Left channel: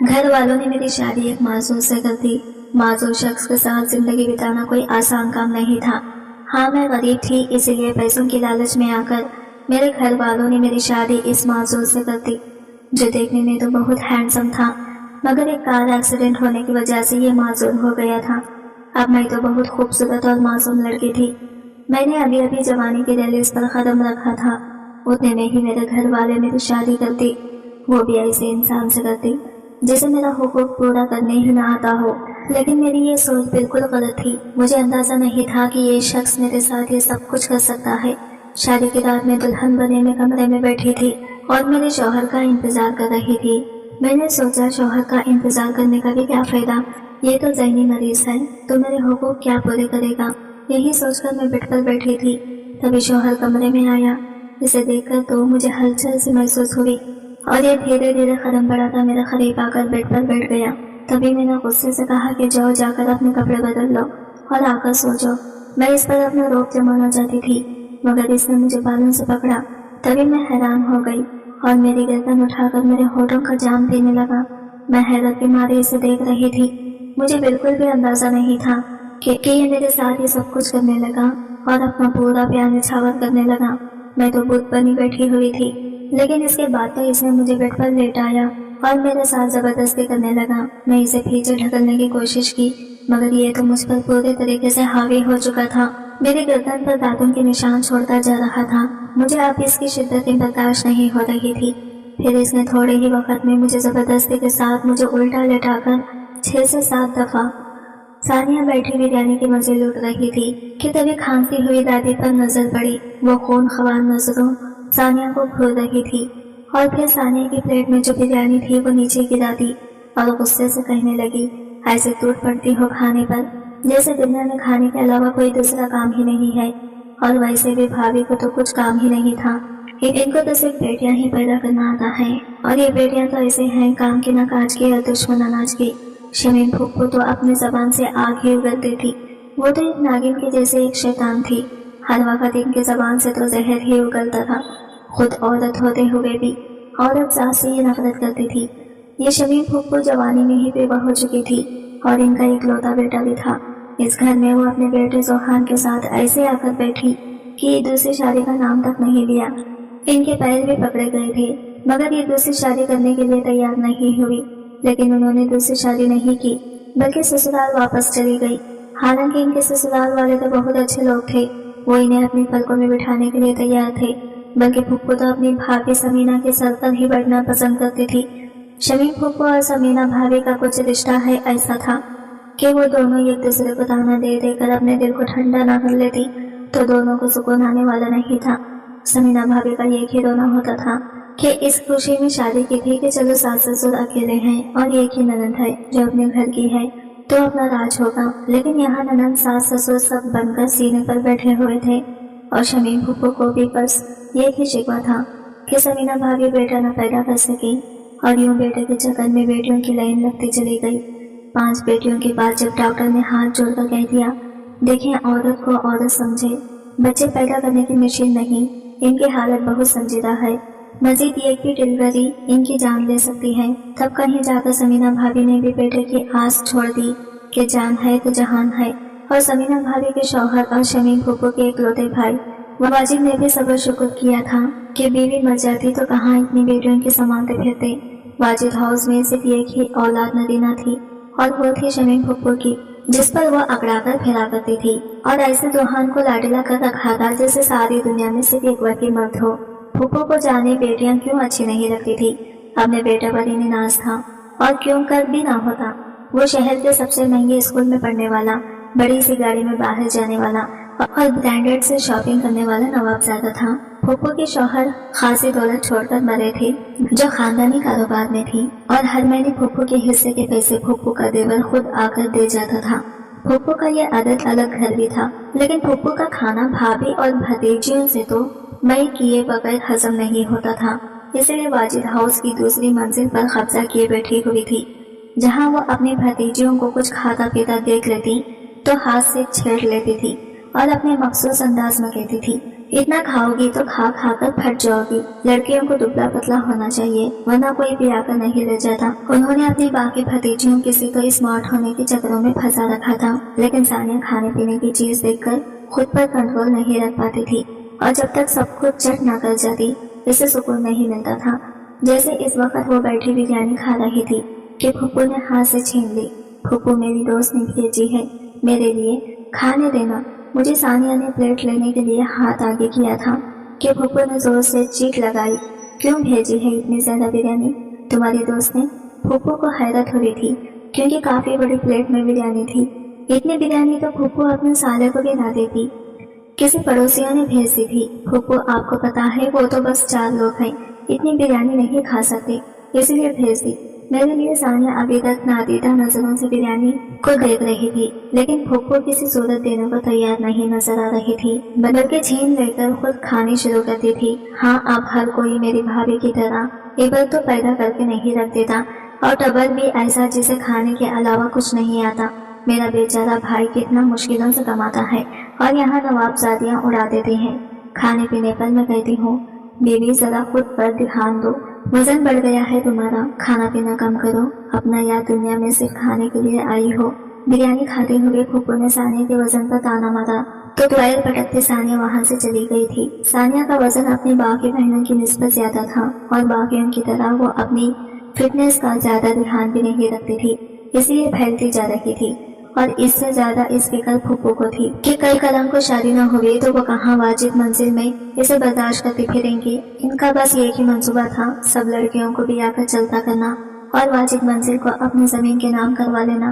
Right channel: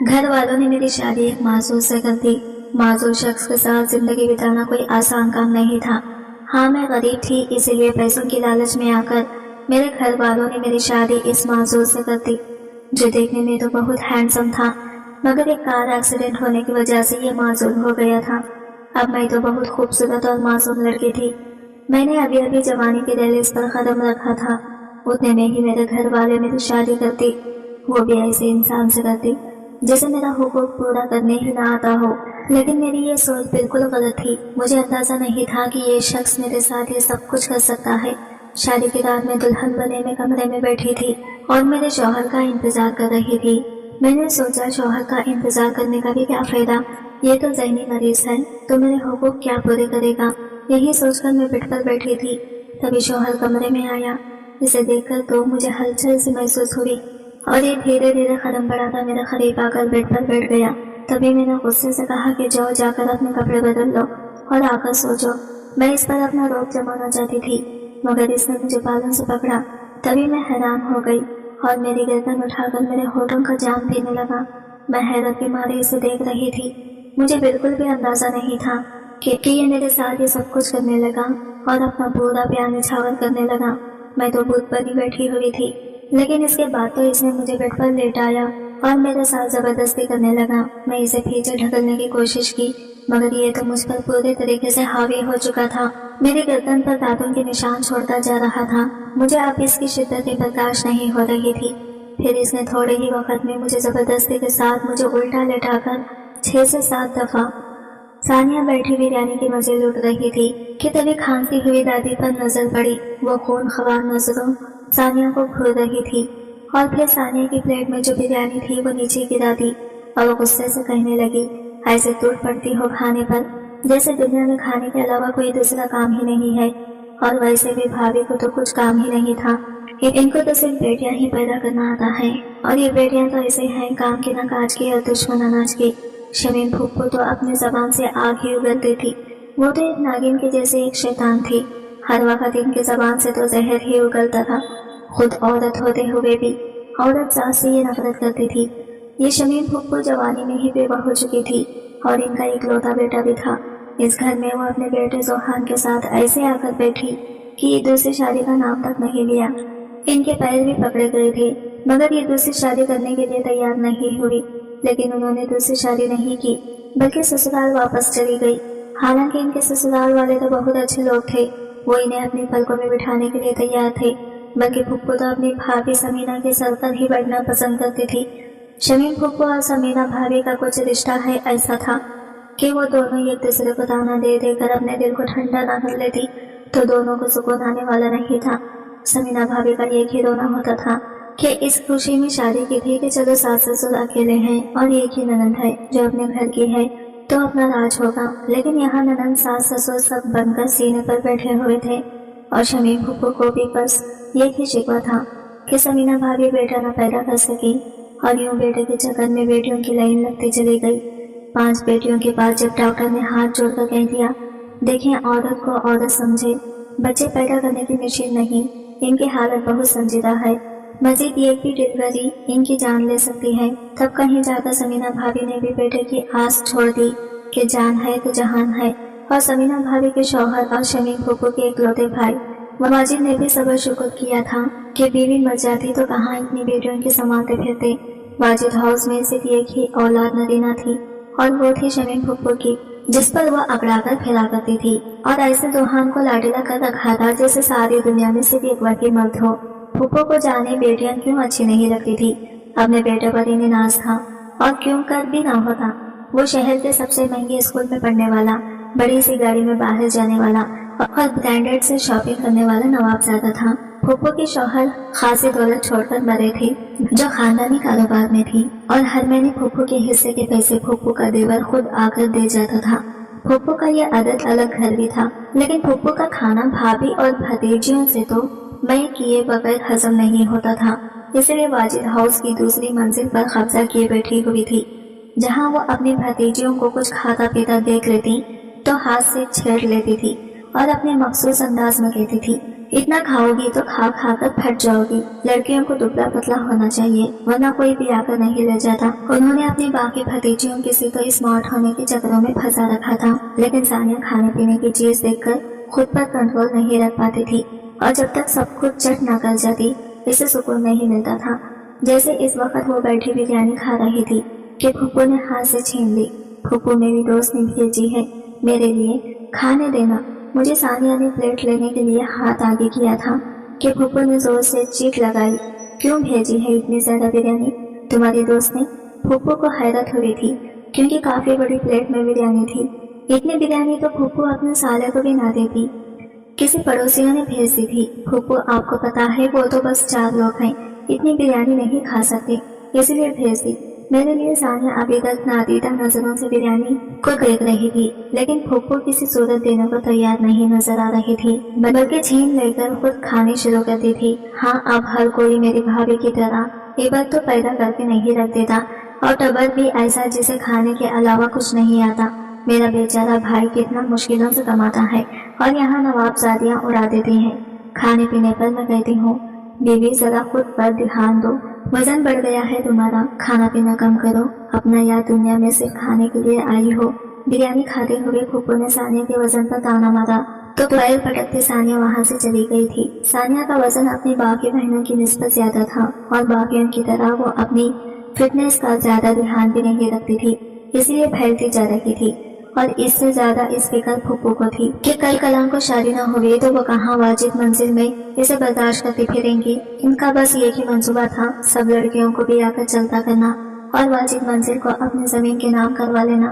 घर वालों ने मेरी शादी एक मासूम से कर दी। मासूम शख्स के साथ जिंदगी बिताना कोई आसान काम नहीं था। हाँ, मैं गरीब थी, इसीलिए पैसों की लालच में आकर मेरे घर वालों ने मेरी शादी इस मासूम से कर दी, जो देखने में तो बहुत हैंडसम था, मगर एक कार एक्सीडेंट होने की वजह से ये मासूम हो गया था। अब मैं तो बहुत खूबसूरत और मासूम लड़की थी। मैंने अभी अभी जवानी की दहलीज पर कदम रखा था, उतने में ही मेरे घर वाले मेरी शादी करती, वो भी ऐसे इंसान से करती जैसे मेरा हुकूक पूरा करने ही ना आता हो। लेकिन मेरी ये सोच बिल्कुल गलत थी। मुझे अंदाजा नहीं था कि ये शख्स मेरे साथ ये सब कुछ कर सकता है। शादी की रात में दुल्हन बने में कमरे में बैठी थी और मेरे शौहर का इंतजार कर रही थी। मैंने सोचा शौहर का इंतजार करने का भी क्या फायदा, ये तो ज़हनी मरीज है, तो मेरे हुकूक क्या पूरे करेगा। यही सोचकर मैं बेड पर बैठी थी, तभी शौहर कमरे में आया। इसे देखकर तो मुझे हलचल सी महसूस हुई और ये धीरे धीरे कदम बढ़ाता मेरे करीब आकर बेड पर बैठ गया। तभी मैंने गुस्से से कहा कि जाओ जाकर अपने कपड़े बदल लो और आकर सो जाओ। मैं इस पर अपना रोब जमाना चाहती थी, मगर इसने मुझे बालों से पकड़ा। तभी मैं हैरान हो गई और मेरी गर्दन उठाकर मेरे होठों का जाम पीने लगा। मैं हैरत के मारे इसे देख रही थी। मुझे बिल्कुल भी अंदाजा नहीं था कि ये मेरे साथ ये सब कुछ करने लगा और अपना पूरा प्यार निछावर करने लगा। मैं तो बुत बनी बैठी हुई थी, लेकिन इसके बाद तो इसने मुझे बेड पर लेटाया और मेरे साथ जबरदस्ती करने लगा। मैं इसे पीछे ढकलने की कोशिश की, मगर ये तो मुझ पर पूरे तरीके से हावी हो चुका था। मेरी गर्दन पर दांतों के निशान छोड़ता जा रहा था। मुझे अब इसकी शिद्दतें बर्दाश्त नहीं हो रही थी। फिर इसने थोड़े ही वक्त में मुझे जबरदस्ती के साथ मुझे उल्टा लेटाकर 6 से 7 दफा। सानिया बैठी बिरयानी के मजे लूट रही थी कि तभी खांसी हुई दादी पर नजर पड़ी। वो खून खवार नजरों सानिया को घूर रही थी और फिर सानिया की प्लेट में जो बिरयानी थी वो नीचे गिरा दी और गुस्से से कहने लगी, ऐसे टूट पड़ती हो खाने पर, जैसे दुनिया में खाने के अलावा कोई दूसरा काम ही नहीं है। और वैसे भी भाभी को तो कुछ काम ही नहीं था, इनको तो सिर्फ बेटियां ही पैदा करना आता है, और ये बेटियां तो ऐसे हैं काम की ना काज की और दुश्मन अनाज की। शमीम फूफू तो अपनी जबान से आग ही उगलती थी। वो तो एक नागिन के जैसे एक शैतान थी। हर वक्त इनकी जबान से तो जहर ही उगलता था। खुद औरत होते हुए भी औरत जात से ये नफरत करती थी। ये शमीम फूफू जवानी में ही बेवा हो चुकी थी और इनका एक लौता बेटा भी था। इस घर में वो अपने बेटे जोहान के साथ ऐसे आकर बैठी कि दूसरी शादी का नाम तक नहीं लिया। इनके पैर भी पकड़े गए थे, मगर ये दूसरी शादी करने के लिए तैयार नहीं हुई। लेकिन उन्होंने दूसरी शादी नहीं की, बल्कि ससुराल वापस चली गई। हालांकि इनके ससुराल वाले तो बहुत अच्छे लोग थे, वो इन्हें अपनी पलकों में बिठाने के लिए तैयार थे। बल्कि फुप्पू तो अपनी भाभी समीना के सर पर ही बैठना पसंद करती थी। शमीम फुप्पू और समीना भाभी का कुछ रिश्ता है ऐसा था कि वो दोनों एक दूसरे को ताना दे देकर अपने दिल को ठंडा ना कर लेती तो दोनों को सुकून आने वाला नहीं था। समीना भाभी का एक ही रोना होता था कि इस खुशी में शादी की थी कि चलो सास ससुर अकेले हैं और एक ही ननद है जो अपने घर की है तो अपना राज होगा। लेकिन यहाँ ननद सास ससुर सब बनकर सीने पर बैठे हुए थे और शमीम फुप्पू को भी बस एक ही शिकवा था कि समीना भाभी बेटा न पैदा कर सकी, और यूं बेटे के चक्कर में बेटियों की लाइन लगती चली गई। 5 बेटियों के बाद जब डॉक्टर ने हाथ जोड़कर कह दिया, देखें औरत को औरत समझे, बच्चे पैदा करने की मशीन नहीं, इनकी हालत बहुत संजीदा है, मजीद ये की डिलीवरी इनकी जान ले सकती है। तब कहीं जाकर समीना भाभी ने भी बेटे की आस छोड़ दी कि जान है तो जहान है। और समीना भाभी के शौहर और शमीम फुप्पू के इकलौते भाई वाजिद ने भी सबर शुक्र किया था कि बीवी मर जाती तो कहाँ इतनी बेटियों की संभालते फिरते। वाजिद हाउस में सिर्फ एक ही औलाद नदीना थी और वो थी शमीम फुप्पू की, जिस पर वह अकड़ा कर फिरा करती थी और ऐसे जोहान को लाडिला कर रखा था जैसे सारी दुनिया में सिर्फ एक वही मर्द हो। फुप्पू को जाने बेटियां क्यों अच्छी नहीं लगती थी। अपने बेटे पर इन्हें नाज था और क्यों कर भी ना होता। वो शहर के सबसे महंगे स्कूल में पढ़ने वाला, बड़ी सी गाड़ी में बाहर जाने वाला और ब्रांडेड से शॉपिंग करने वाला नवाबजादा था। फुप्पू के शौहर खासी दौलत छोड़कर मरे थे जो खानदानी कारोबार में थी, और हर महीने फुप्पू के हिस्से के पैसे फुप्पू का देवर खुद आकर दे जाता था। फुप्पू का यह आदत अलग घर भी था, लेकिन फुप्पू का खाना भाभी और भतीजियों से तो मई किए बगैर हजम नहीं होता था। इसलिए वाजिद हाउस की दूसरी मंजिल पर कब्जा किए बैठी हुई थी, जहाँ वो अपनी भतीजियों को कुछ खाता पीता देख लेती तो हाथ से छेड़ लेती थी और अपने मखसूस अंदाज में कहती थी, इतना खाओगी तो खा खा कर फट जाओगी। लड़कियों को दुबला पतला होना चाहिए, वरना कोई भी आकर नहीं ले जाता। उन्होंने अपनी बाकी भतीजियों किसी को स्मार्ट होने के चक्करों में फंसा रखा था, लेकिन सानिया खाने पीने की चीज देखकर खुद पर कंट्रोल नहीं रख पाती थी और जब तक सब कुछ चट ना कर जाती इसे सुकून नहीं मिलता था। जैसे इस वक्त वो बैठी बिरयानी खा रही थी कि फुप्पू ने हाथ से छीन ली। फुप्पू मेरी दोस्त ने भेजी है मेरे लिए, खाने देना। मुझे सानिया ने प्लेट लेने के लिए हाथ आगे किया था कि फुप्पू ने जोर से चीख लगाई, क्यों भेजी है इतनी ज्यादा बिरयानी तुम्हारी दोस्त ने? फुप्पू को हैरत हो रही थी क्योंकि काफी बड़ी प्लेट में बिरयानी थी। इतनी बिरयानी तो फुप्पू अपने साले को भी ना देती, किसी पड़ोसियों ने भेज दी थी। फुप्पू आपको पता है वो तो बस 4 लोग हैं, इतनी बिरयानी नहीं खा सकते, इसलिए भेज दी मेरे लिए। सानिया अभी तक नादीदा नजरों से बिरयानी को देख रही थी, लेकिन फुप्पू किसी सूरत देने को तैयार नहीं नजर आ रही थी, बल्कि छीन लेकर खुद खानी शुरू कर दी थी। हाँ, अब हर कोई मेरी भाभी की तरह एबल तो पैदा करके नहीं रख देता, और टबर भी ऐसा जिसे खाने के अलावा कुछ नहीं आता। मेरा बेचारा भाई कितना मुश्किलों से कमाता है और यहाँ नवाबजादियाँ उड़ा देती हैं। खाने पीने पर मैं कहती हूँ बीवी जरा खुद पर ध्यान दो, वजन बढ़ गया है तुम्हारा, खाना पीना कम करो, अपना याद दुनिया में सिर्फ खाने के लिए आई हो। बिरयानी खाते हुए फुप्पू ने सानिया के वजन पर ताना मारा तो पैर पटकते सानिया वहाँ से चली गई थी। सानिया का वजन अपनी बाकी बहनों की निस्बत ज्यादा था और बाकियों की तरह वो अपनी फिटनेस का ज्यादा ध्यान भी नहीं रखती थी, इसलिए फैलती जा रही थी। और इससे ज्यादा इस फिक्र फुप्पू को थी कि कल कलाम को शादी न हुई तो वो कहाँ वाजिब मंजिल में इसे बर्दाश्त करती फिरेंगी। इनका बस एक ही मंसूबा था, सब लड़कियों को भी आकर चलता करना और वाजिब मंजिल को अपनी जमीन के नाम करवा लेना।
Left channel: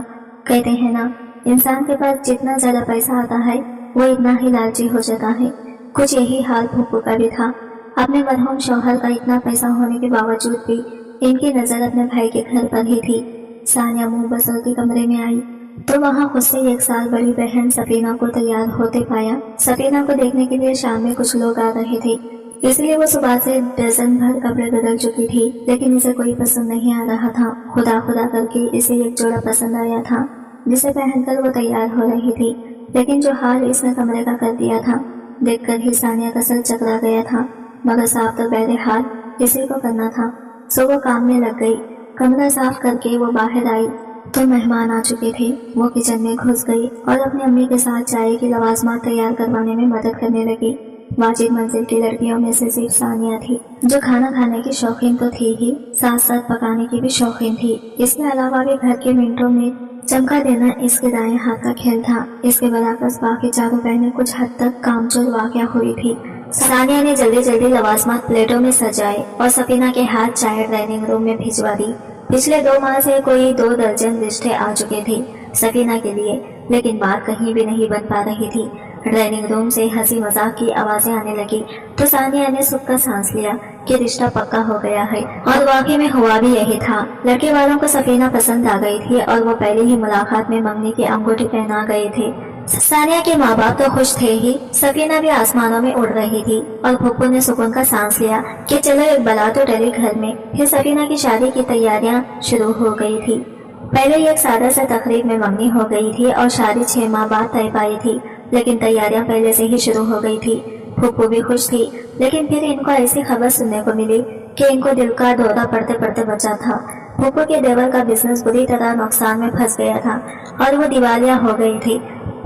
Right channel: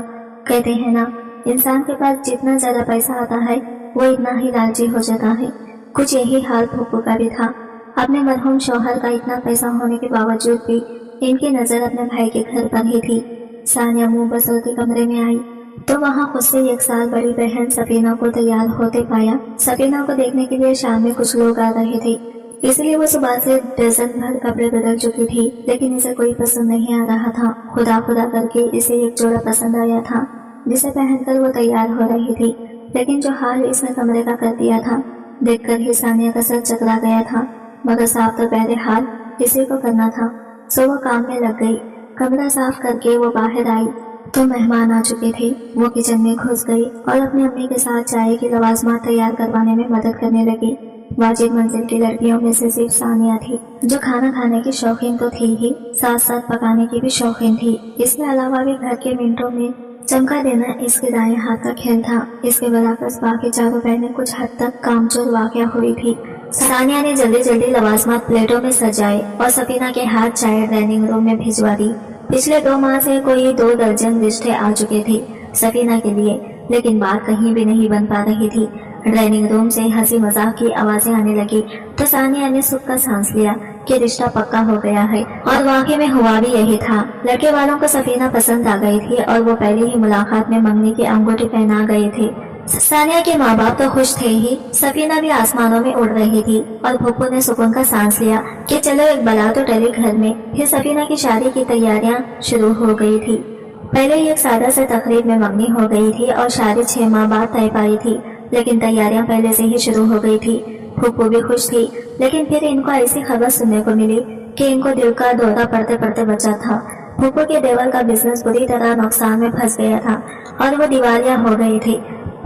कहते हैं ना, इंसान के पास जितना ज्यादा पैसा आता है वो इतना ही लालची हो जाता है। कुछ यही हाल फुप्पू का भी था। अपने मरहूम शौहर का इतना पैसा होने के बावजूद भी इनकी नजर अपने भाई के घर पर ही थी। सानिया मुंह बसलती कमरे में आई तो वहाँ खुद से 1 साल बड़ी बहन सफीना को तैयार होते पाया। सफीना को देखने के लिए शाम में कुछ लोग आ रहे थे, इसलिए वो सुबह से डजन भर कपड़े बदल चुकी थी, लेकिन इसे कोई पसंद नहीं आ रहा था। खुदा खुदा करके इसे एक जोड़ा पसंद आया था जिसे पहनकर वो तैयार हो रही थी, लेकिन जो हाल इसने कमरे का कर दिया था देखकर ही सानिया का सर चकरा गया था। मगर साफ तो बहरहाल इसी को करना था, सो वो काम में लग गई। कमरा साफ करके वो बाहर आई तो मेहमान आ चुके थे। वो किचन में घुस गई और अपनी अम्मी के साथ चाय की लवाजमात तैयार करवाने में मदद करने लगी। वाजिब मंजिल की लड़कियों में से सिर्फ सानिया थी जो खाना खाने की शौकीन तो थी ही, साथ साथ पकाने की भी शौकीन थी। इसके अलावा भी घर के मिनटों में चमका देना इसके दाएं हाथ का खेल था। इसके बराबर बाकी चारों बहनें कुछ हद तक कामचोर वाक़या हुई थी। सानिया ने जल्दी जल्दी लवाजमात प्लेटों में सजाए और सफीना के हाथ चाय डाइनिंग रूम में भिजवा दी। पिछले 2 माह से कोई 2 दर्जन रिश्ते आ चुके थे सफीना के लिए, लेकिन बात कहीं भी नहीं बन पा रही थी। डाइनिंग रूम से हंसी मजाक की आवाजें आने लगी तो सानिया ने सुख का सांस लिया कि रिश्ता पक्का हो गया है, और वाकई में हुआ भी यही था। लड़के वालों को सफीना पसंद आ गई थी और वो पहली ही मुलाकात में मंगनी की अंगूठी पहना गए थे। सानिया के माँ बाप तो खुश थे ही, सफीना भी आसमानों में उड़ रही थी और फुप्पू ने सुकून का सांस लिया कि चलो एक बला तो टली घर में। फिर सफीना की शादी की तैयारियां शुरू हो गई थी। पहले एक सादा सा तकरीब में मंगनी हो गई थी और शादी 6 माह बाद तय पाई थी, लेकिन तैयारियां पहले से ही शुरू हो गई थी। फुप्पू भी खुश थी, लेकिन फिर इनको ऐसी खबर सुनने को मिली कि इनको दिल का दौरा पड़ते पड़ते बचा था। फुप्पू के देवर का बिजनेस बुरी तरह नुकसान में फंस गया था और वो दिवालिया हो गई थी।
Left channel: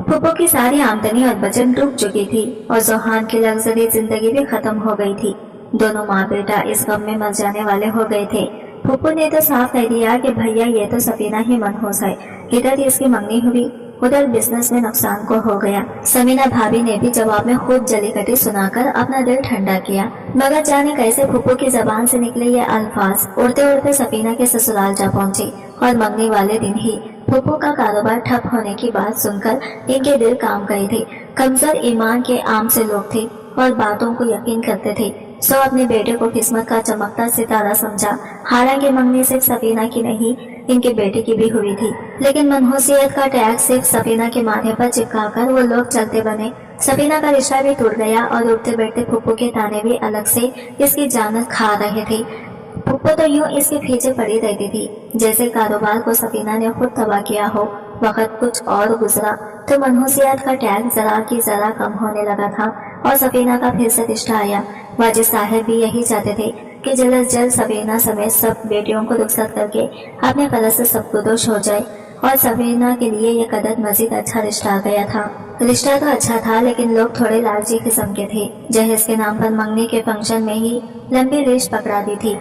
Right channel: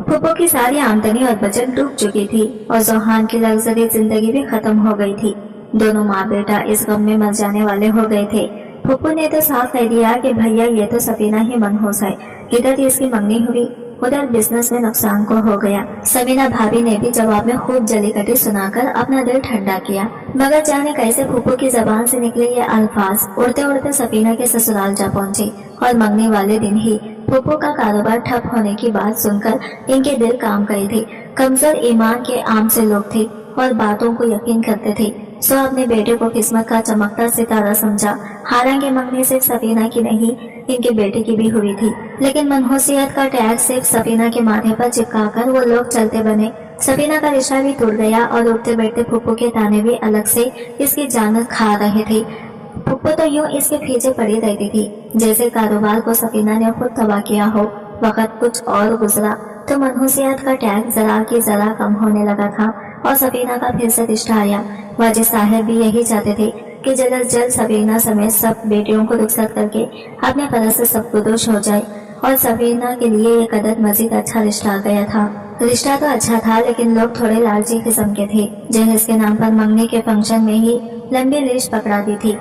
फुप्पू की सारी आमदनी और बचत डूब चुकी थी और जोहान की लग्जरी जिंदगी भी खत्म हो गई थी। दोनों माँ बेटा इस गम में मर जाने वाले हो गए थे। फुप्पू ने तो साफ कह दिया कि भैया ये तो सफीना ही मनहूस है, इधर इसकी मंगनी हुई उधर बिजनेस में नुकसान को हो गया। समीना भाभी ने भी जवाब में खूब जलीकटी सुनाकर अपना दिल ठंडा किया, मगर जाने कैसे फुप्पू की जबान से निकले ये अल्फाज उड़ते उड़ते सफीना के ससुराल जा पहुंचे। और मंगनी वाले दिन ही फुप्पू का कारोबार ठप होने की बात सुनकर इनके दिल काम करे थे। कमजोर ईमान के आम से लोग थे और बातों को यकीन करते थे, सो अपने बेटे को किस्मत का चमकता सितारा समझा। हालांकि मंगनी सिर्फ सफीना की नहीं, इनके बेटे की भी हुई थी, लेकिन मनहूसियत का टैग सिर्फ सफीना के माथे पर चिपकाकर वो लोग चलते बने। सफीना का रिश्ता भी टूट गया और उठते बैठते फुप्पू के ताने भी अलग से इसकी जान खा रहे थे। फुप्पू तो यूं इसके पीछे पड़ी रहती थी जैसे कारोबार को सफीना ने खुद तबाह किया हो। वक्त कुछ और गुजरा तो मनहूसियत का टैग जरा की जरा कम होने लगा था। और सफीना का फिर से रिश्ता आया। वाजिद साहब भी यही चाहते थे कि जल्द अज जल्द सफीना समेत सब बेटियों को रुखसत करके अपने कदर से सब कुदोश हो जाए, और सफीना के लिए ये कदर मजीद अच्छा रिश्ता आ गया था। रिश्ता तो अच्छा था, लेकिन लोग थोड़े लालची किस्म के थे। जहेज के नाम पर मंगनी के फंक्शन में ही लंबी लिस्ट पकड़ा दी थी,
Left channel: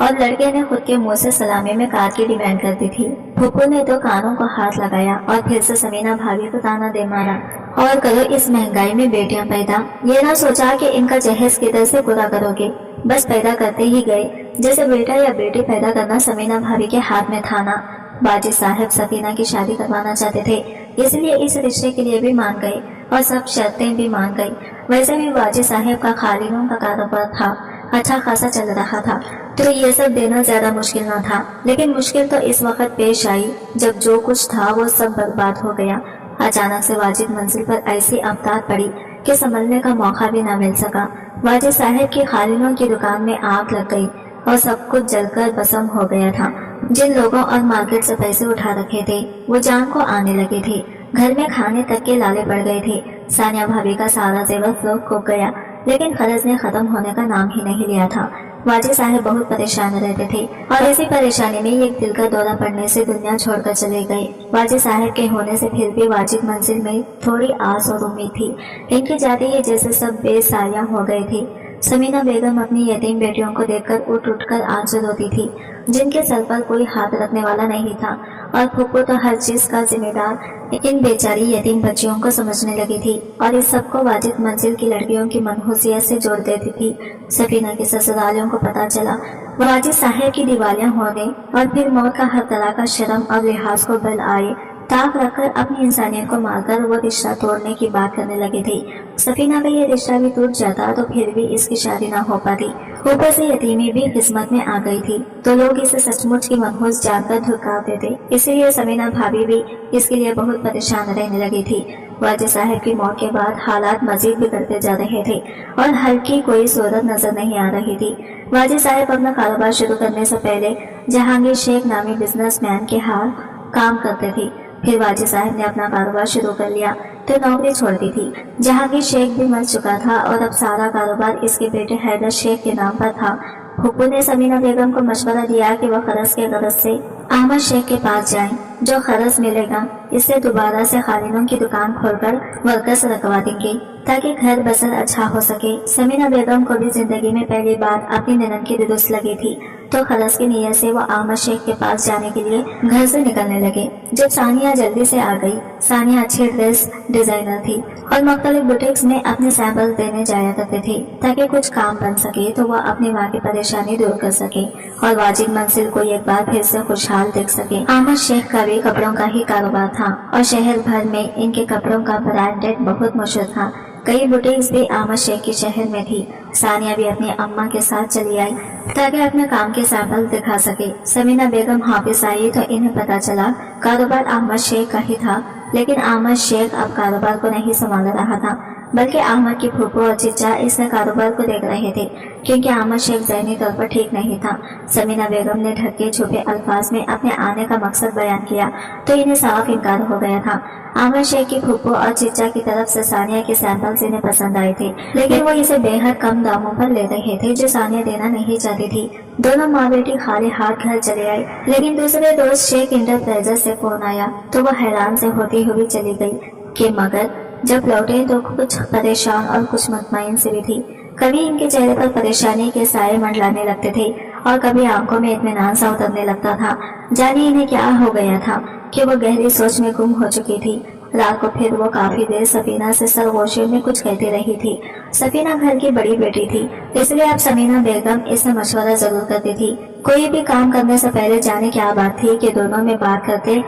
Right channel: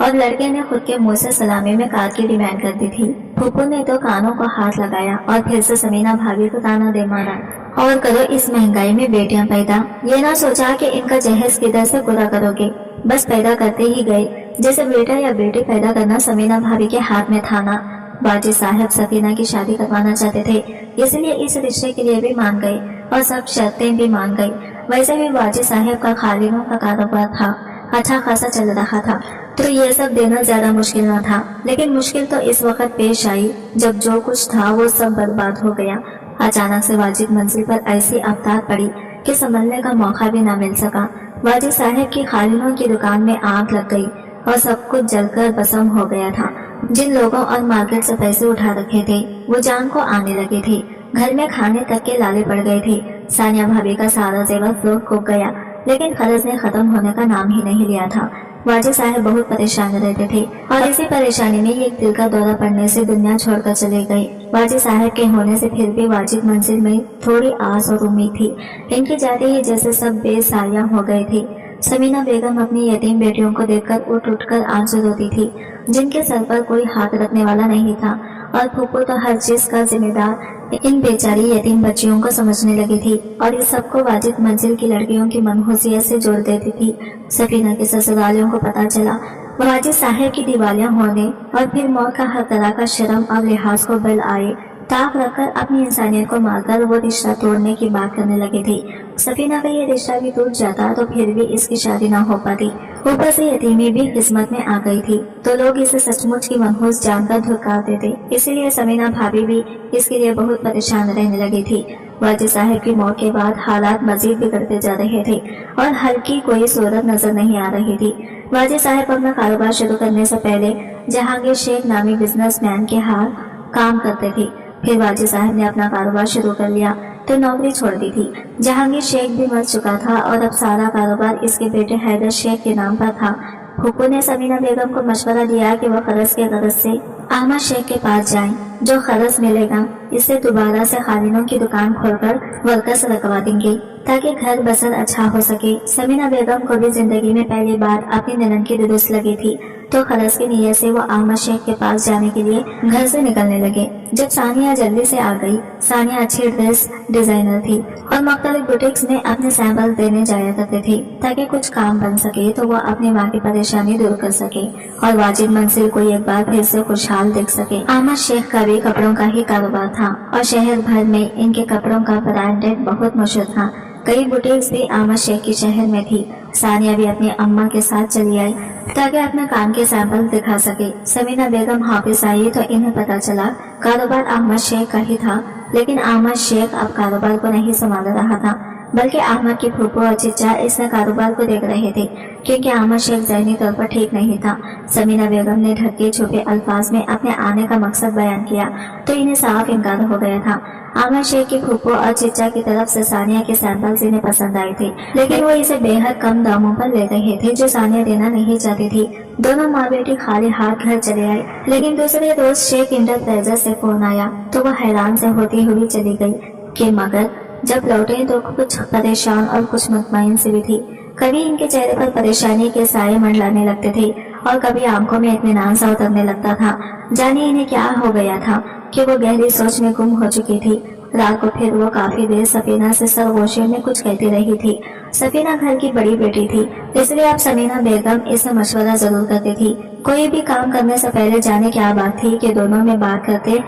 और लड़के ने खुद के मुंह से सलामी में कार की डिमांड कर दी थी। फूफू ने तो कानों को हाथ लगाया और फिर से समीना भाभी को ताना दे मारा, और करो इस महंगाई में बेटियां पैदा, ये ना सोचा कि इनका जहेज किधर से पूरा करोगे, बस पैदा करते ही गए, जैसे बेटा या बेटी पैदा करना समीना भाभी के हाथ में था ना। बाजी साहब सफीना की शादी करवाना चाहते थे, इसलिए इस रिश्ते के लिए भी मान गए और सब शर्तें भी मान गई। वैसे भी बाजी साहब का खालिनों का कारोबार था, अच्छा खासा चल रहा था, तो ये सब देना ज्यादा मुश्किल न था। लेकिन मुश्किल तो इस वक्त पेश आई जब जो कुछ था वो सब बर्बाद हो गया। अचानक से वाजिद मंजिल पर ऐसी आफत पड़ी कि संभलने का मौका भी न मिल सका। वाजिद साहब की खालिनों की दुकान में आग लग गई और सब कुछ जलकर भस्म हो गया था। जिन लोगों और मार्केट से पैसे उठा रखे थे वो जान को आने लगे थे। घर में खाने तक के लाले पड़ गए थे। सानिया भाभी का सारा जेवर फ्लोट को गया, लेकिन खर्च ने खत्म होने का नाम ही नहीं लिया था। वाजिद साहब बहुत परेशान रहते थे, और इसी परेशानी में एक दिल का दौरा पड़ने से दुनिया छोड़कर चले गए। वाजिद साहब के होने से फिर भी वाजिद मंजिल में थोड़ी आस और उम्मीद थी। इनके जाते ही जैसे सब बेसाया हो गए थे। समीना बेगम अपनी यतीम बेटियों को देखकर उठ उठकर आंसू रोती थी, जिनके सर पर कोई हाथ रखने वाला नहीं था, और फूफू तो हर चीज का जिम्मेदार इन बेचारी यतीम बच्चियों को समझने लगी थी, और इस सबको वाजिद मंजिल की लड़कियों की मनहूसियत से जोड़ देती थी। सफीना के ससुरालियों को पता चला वाजिद साहब की दिवालियां होने और फिर मौत का हर तरह का शर्म और लिहाज को बल आए, ताक रखकर अपनी इंसानियत को मारकर वो रिश्ता तोड़ने की बात करने लगे थे। सफीना का ये रिश्ता भी टूट जाता तो फिर भी इसकी शादी ना हो पाती। ऊपर से यतीमी भी किस्मत में आ गई थी, तो लोग इसे सचमुच की मनहूस जानकर धुतकार देते। इसीलिए समीना भाभी भी इसके लिए बहुत परेशान रहने लगी थी। वाजिद साहब की मौत के बाद हालात मजीद बिगड़ते जा रहे थे और हल की कोई सूरत नजर नहीं आ रही थी। वाजिद साहब अपना कारोबार शुरू करने से पहले जहांगीर शेख नामी बिजनेसमैन के हाथ काम करते थे। फिर वाजिद साहब ने अपना कारोबार शुरू कर लिया तो नौकरी छोड़ दी थी। जहांगीर शेख भी मर चुका था और अब सारा कारोबार इसके बेटे हैदर शेख के नाम पर था। फूफू ने समीना बेगम को मशवरा दिया कि वह खरस के गरज से अहमद शेख के पास जाएं। जो खरस मिलेगा इससे दोबारा से खालिनों की दुकान खोलकर वर्कर्स रखवा देंगे, ताकि घर बसर अच्छा हो सके। समीना बेगम को भी जिंदगी में पहली बार अपनी ननद की दुरुस्त लगी थी, तो खरस की नीयत से वो अहमद शेख के पास जाने के लिए घर से निकलने लगे। जब सानिया जल्दी से आ गई। सानिया अच्छी ड्रेस डिजाइनर थी और मुख्तलिफ बुटीक्स में अपने सैंपल देने जाया करते थे, ताकि कुछ काम बन सके तो वह अपनी माँ की परेशानी दूर कर सके और वाजिद मंजिल को एक बार फिर से खुशहाल देख सके। अहमद शेख का भी कपड़ों का ही कारोबार था और शहर भर में इनके कपड़ों का ब्रांडेड बहुत मशहूर था। कई बुटीक्स भी अहमद शेख के शहर में थी। सानिया भी अपनी अम्मा के साथ चली आई ताकि अपने काम के सैंपल दिखा सके। समीना बेगम वापस आई तो इन्हें पता चला कारोबार अहमद शेख का ही था, लेकिन अहमद शेख अब कारोबार को नहीं संभाल रहा था, बल्कि अहमद की फूफू और चिच्चा इससे कारोबार को देख रहे थे, क्योंकि अहमद शेख ज़हनी तौर पर ठीक नहीं था। समीना बेगम ने ढके छुपे अल्फाज में अपने आने का मकसद बयान किया तो इन्हें साफ इनकार हो गया था। अहमद शेख की फूफू और चिच्चा की तरफ से सानिया के सैंपल्स इन्हें पसंद आए थे, लेकिन वो इसे बेहद कम दामों पर ले रहे थे, जो सानिया देना नहीं चाहती थी। दोनों माँ बेटी खाली हाथ घर चले आए, लेकिन दूसरे रोज शेख इंटरप्राइजेज से फोन आया तो वह हैरान से होती हुई चली गई कि मगर जब लौटे तो कुछ परेशान और कुछ मुतमईन से भी थी। कभी इनके चेहरे पर परेशानी के साए मंडलाने लगते थे और कभी आंखों में इत्मीनान सा उतरने लगता था। जाने इन्हें क्या हो गया था कि वो गहरी सोच में गुम हो चुकी थी। रात को फिर वो काफी देर सफीना से सरगोशी में कुछ कहती रही थी। सफीना घर की बड़ी बेटी थी, इसलिए अब समीना बेगम इससे मशवरा जरूर करती थी। कोई भी काम करने से पहले जाने क्या बात थी कि दोनों में बात करते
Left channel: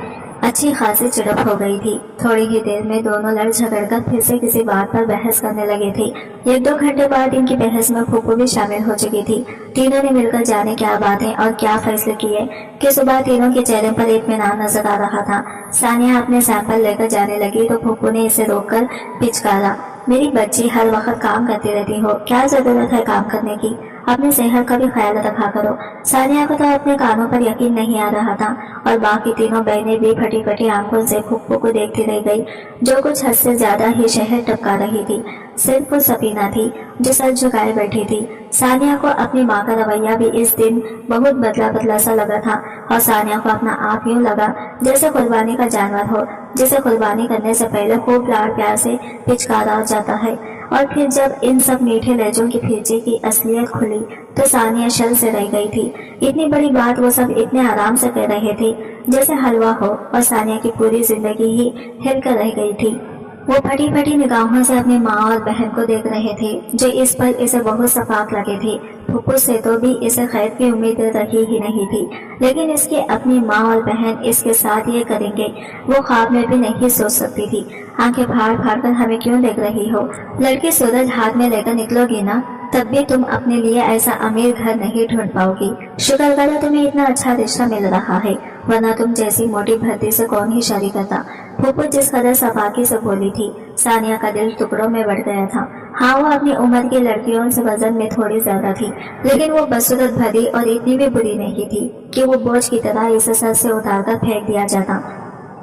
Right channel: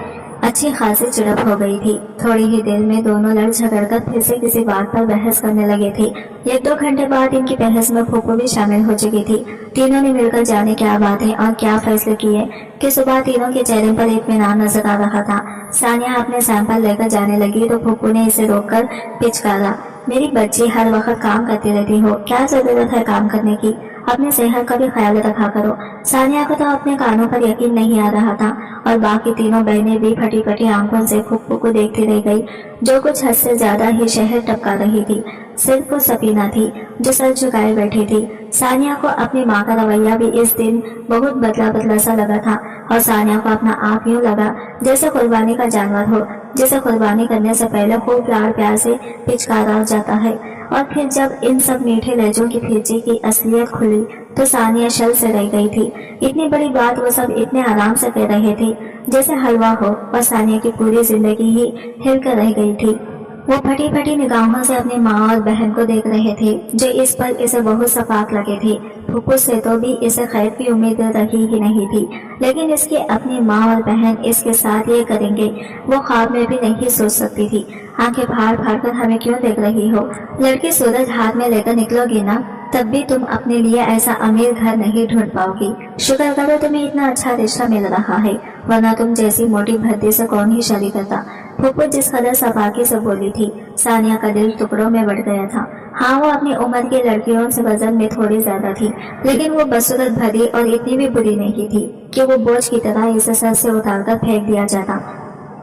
अच्छी खासी चिड़प हो गई थी। थोड़ी ही देर में दोनों लड़ झगड़कर फिर से किसी बात पर बहस करने लगे थे। 1-2 घंटे बाद इनकी बहस में फूफू भी शामिल हो चुकी थी। तीनों ने मिलकर जाने क्या बातें और क्या फैसले किए कि सुबह तीनों के चेहरे पर इत्मीनान नजर आ रहा था। सानिया अपने सैंपल लेकर जाने लगी तो फूफू ने इसे रोककर पिचकारा, मेरी बच्ची हर वक्त काम करती रहती हो, क्या जरूरत है काम करने की, अपने सेहत का भी ख्याल रखा करो। सानिया को तो अपने कानों पर यकीन नहीं आ रहा था और बाकी तीनों बहनें भी फटी फटी आंखों से फूफू को देखती रह गई, जो कुछ हद से ज्यादा ही शहर टपका रही थी। सिर्फ वो सफीना थी जो सर झुकाए बैठी थी। सानिया को अपनी माँ का रवैया भी इस दिन बहुत बदला बदला सा लगा था और सानिया को अपना आप यूं लगा जैसे कुर्बानी का जानवर हो, जिसे कुर्बानी करने से पहले खूब लाड़ प्यार से पिचकारा जाता है। और फिर जब इन सब मीठे लहजों की फीची की असलियत खुली तो सानिया शल से रह गई थी। इतनी बड़ी बात वो सब इतने आराम से कह रहे थे जैसे हलवा हो, और सानिया की पूरी जिंदगी ही हिलकर रह गई थी। वो फटी फटी निगाहों से अपनी माँ और बहन को देख रहे थे जो इस पल इसे बहुत सफाक लगे थे। फुप्पू से तो भी इसे खैर की उम्मीद रही ही नहीं थी, लेकिन इसकी अपनी माँ और बहन इसके साथ ये करेंगे वो ख्वाब में भी नहीं सोच सकती थी। आंखें फाड़ फाड़ कर हमें क्यों देख रही हो? लड़की सूरज हाथ में लेकर निकलोगी ना, तब भी तुम अपने लिए ऐसा अमीर घर नहीं ढूंढ पाओगी। शुक्र करो तुम्हें इतना अच्छा रिश्ता मिल रहा है, वरना तुम जैसी मोटी भद्दी से कौन ही शादी करता। फुप्पू जिस कदर सफाकी से बोली थी, सानिया का दिल टुकड़ों में बढ़ गया था। हाँ, वो अपनी उम्र की लड़कियों से वजन में थोड़ी ज्यादा थी, लेकिन वो बदसूरत भरी और इतनी भी बुरी नहीं थी कि वो बोझ की तरह इसे सर से उतारकर फेंक दिया जाता।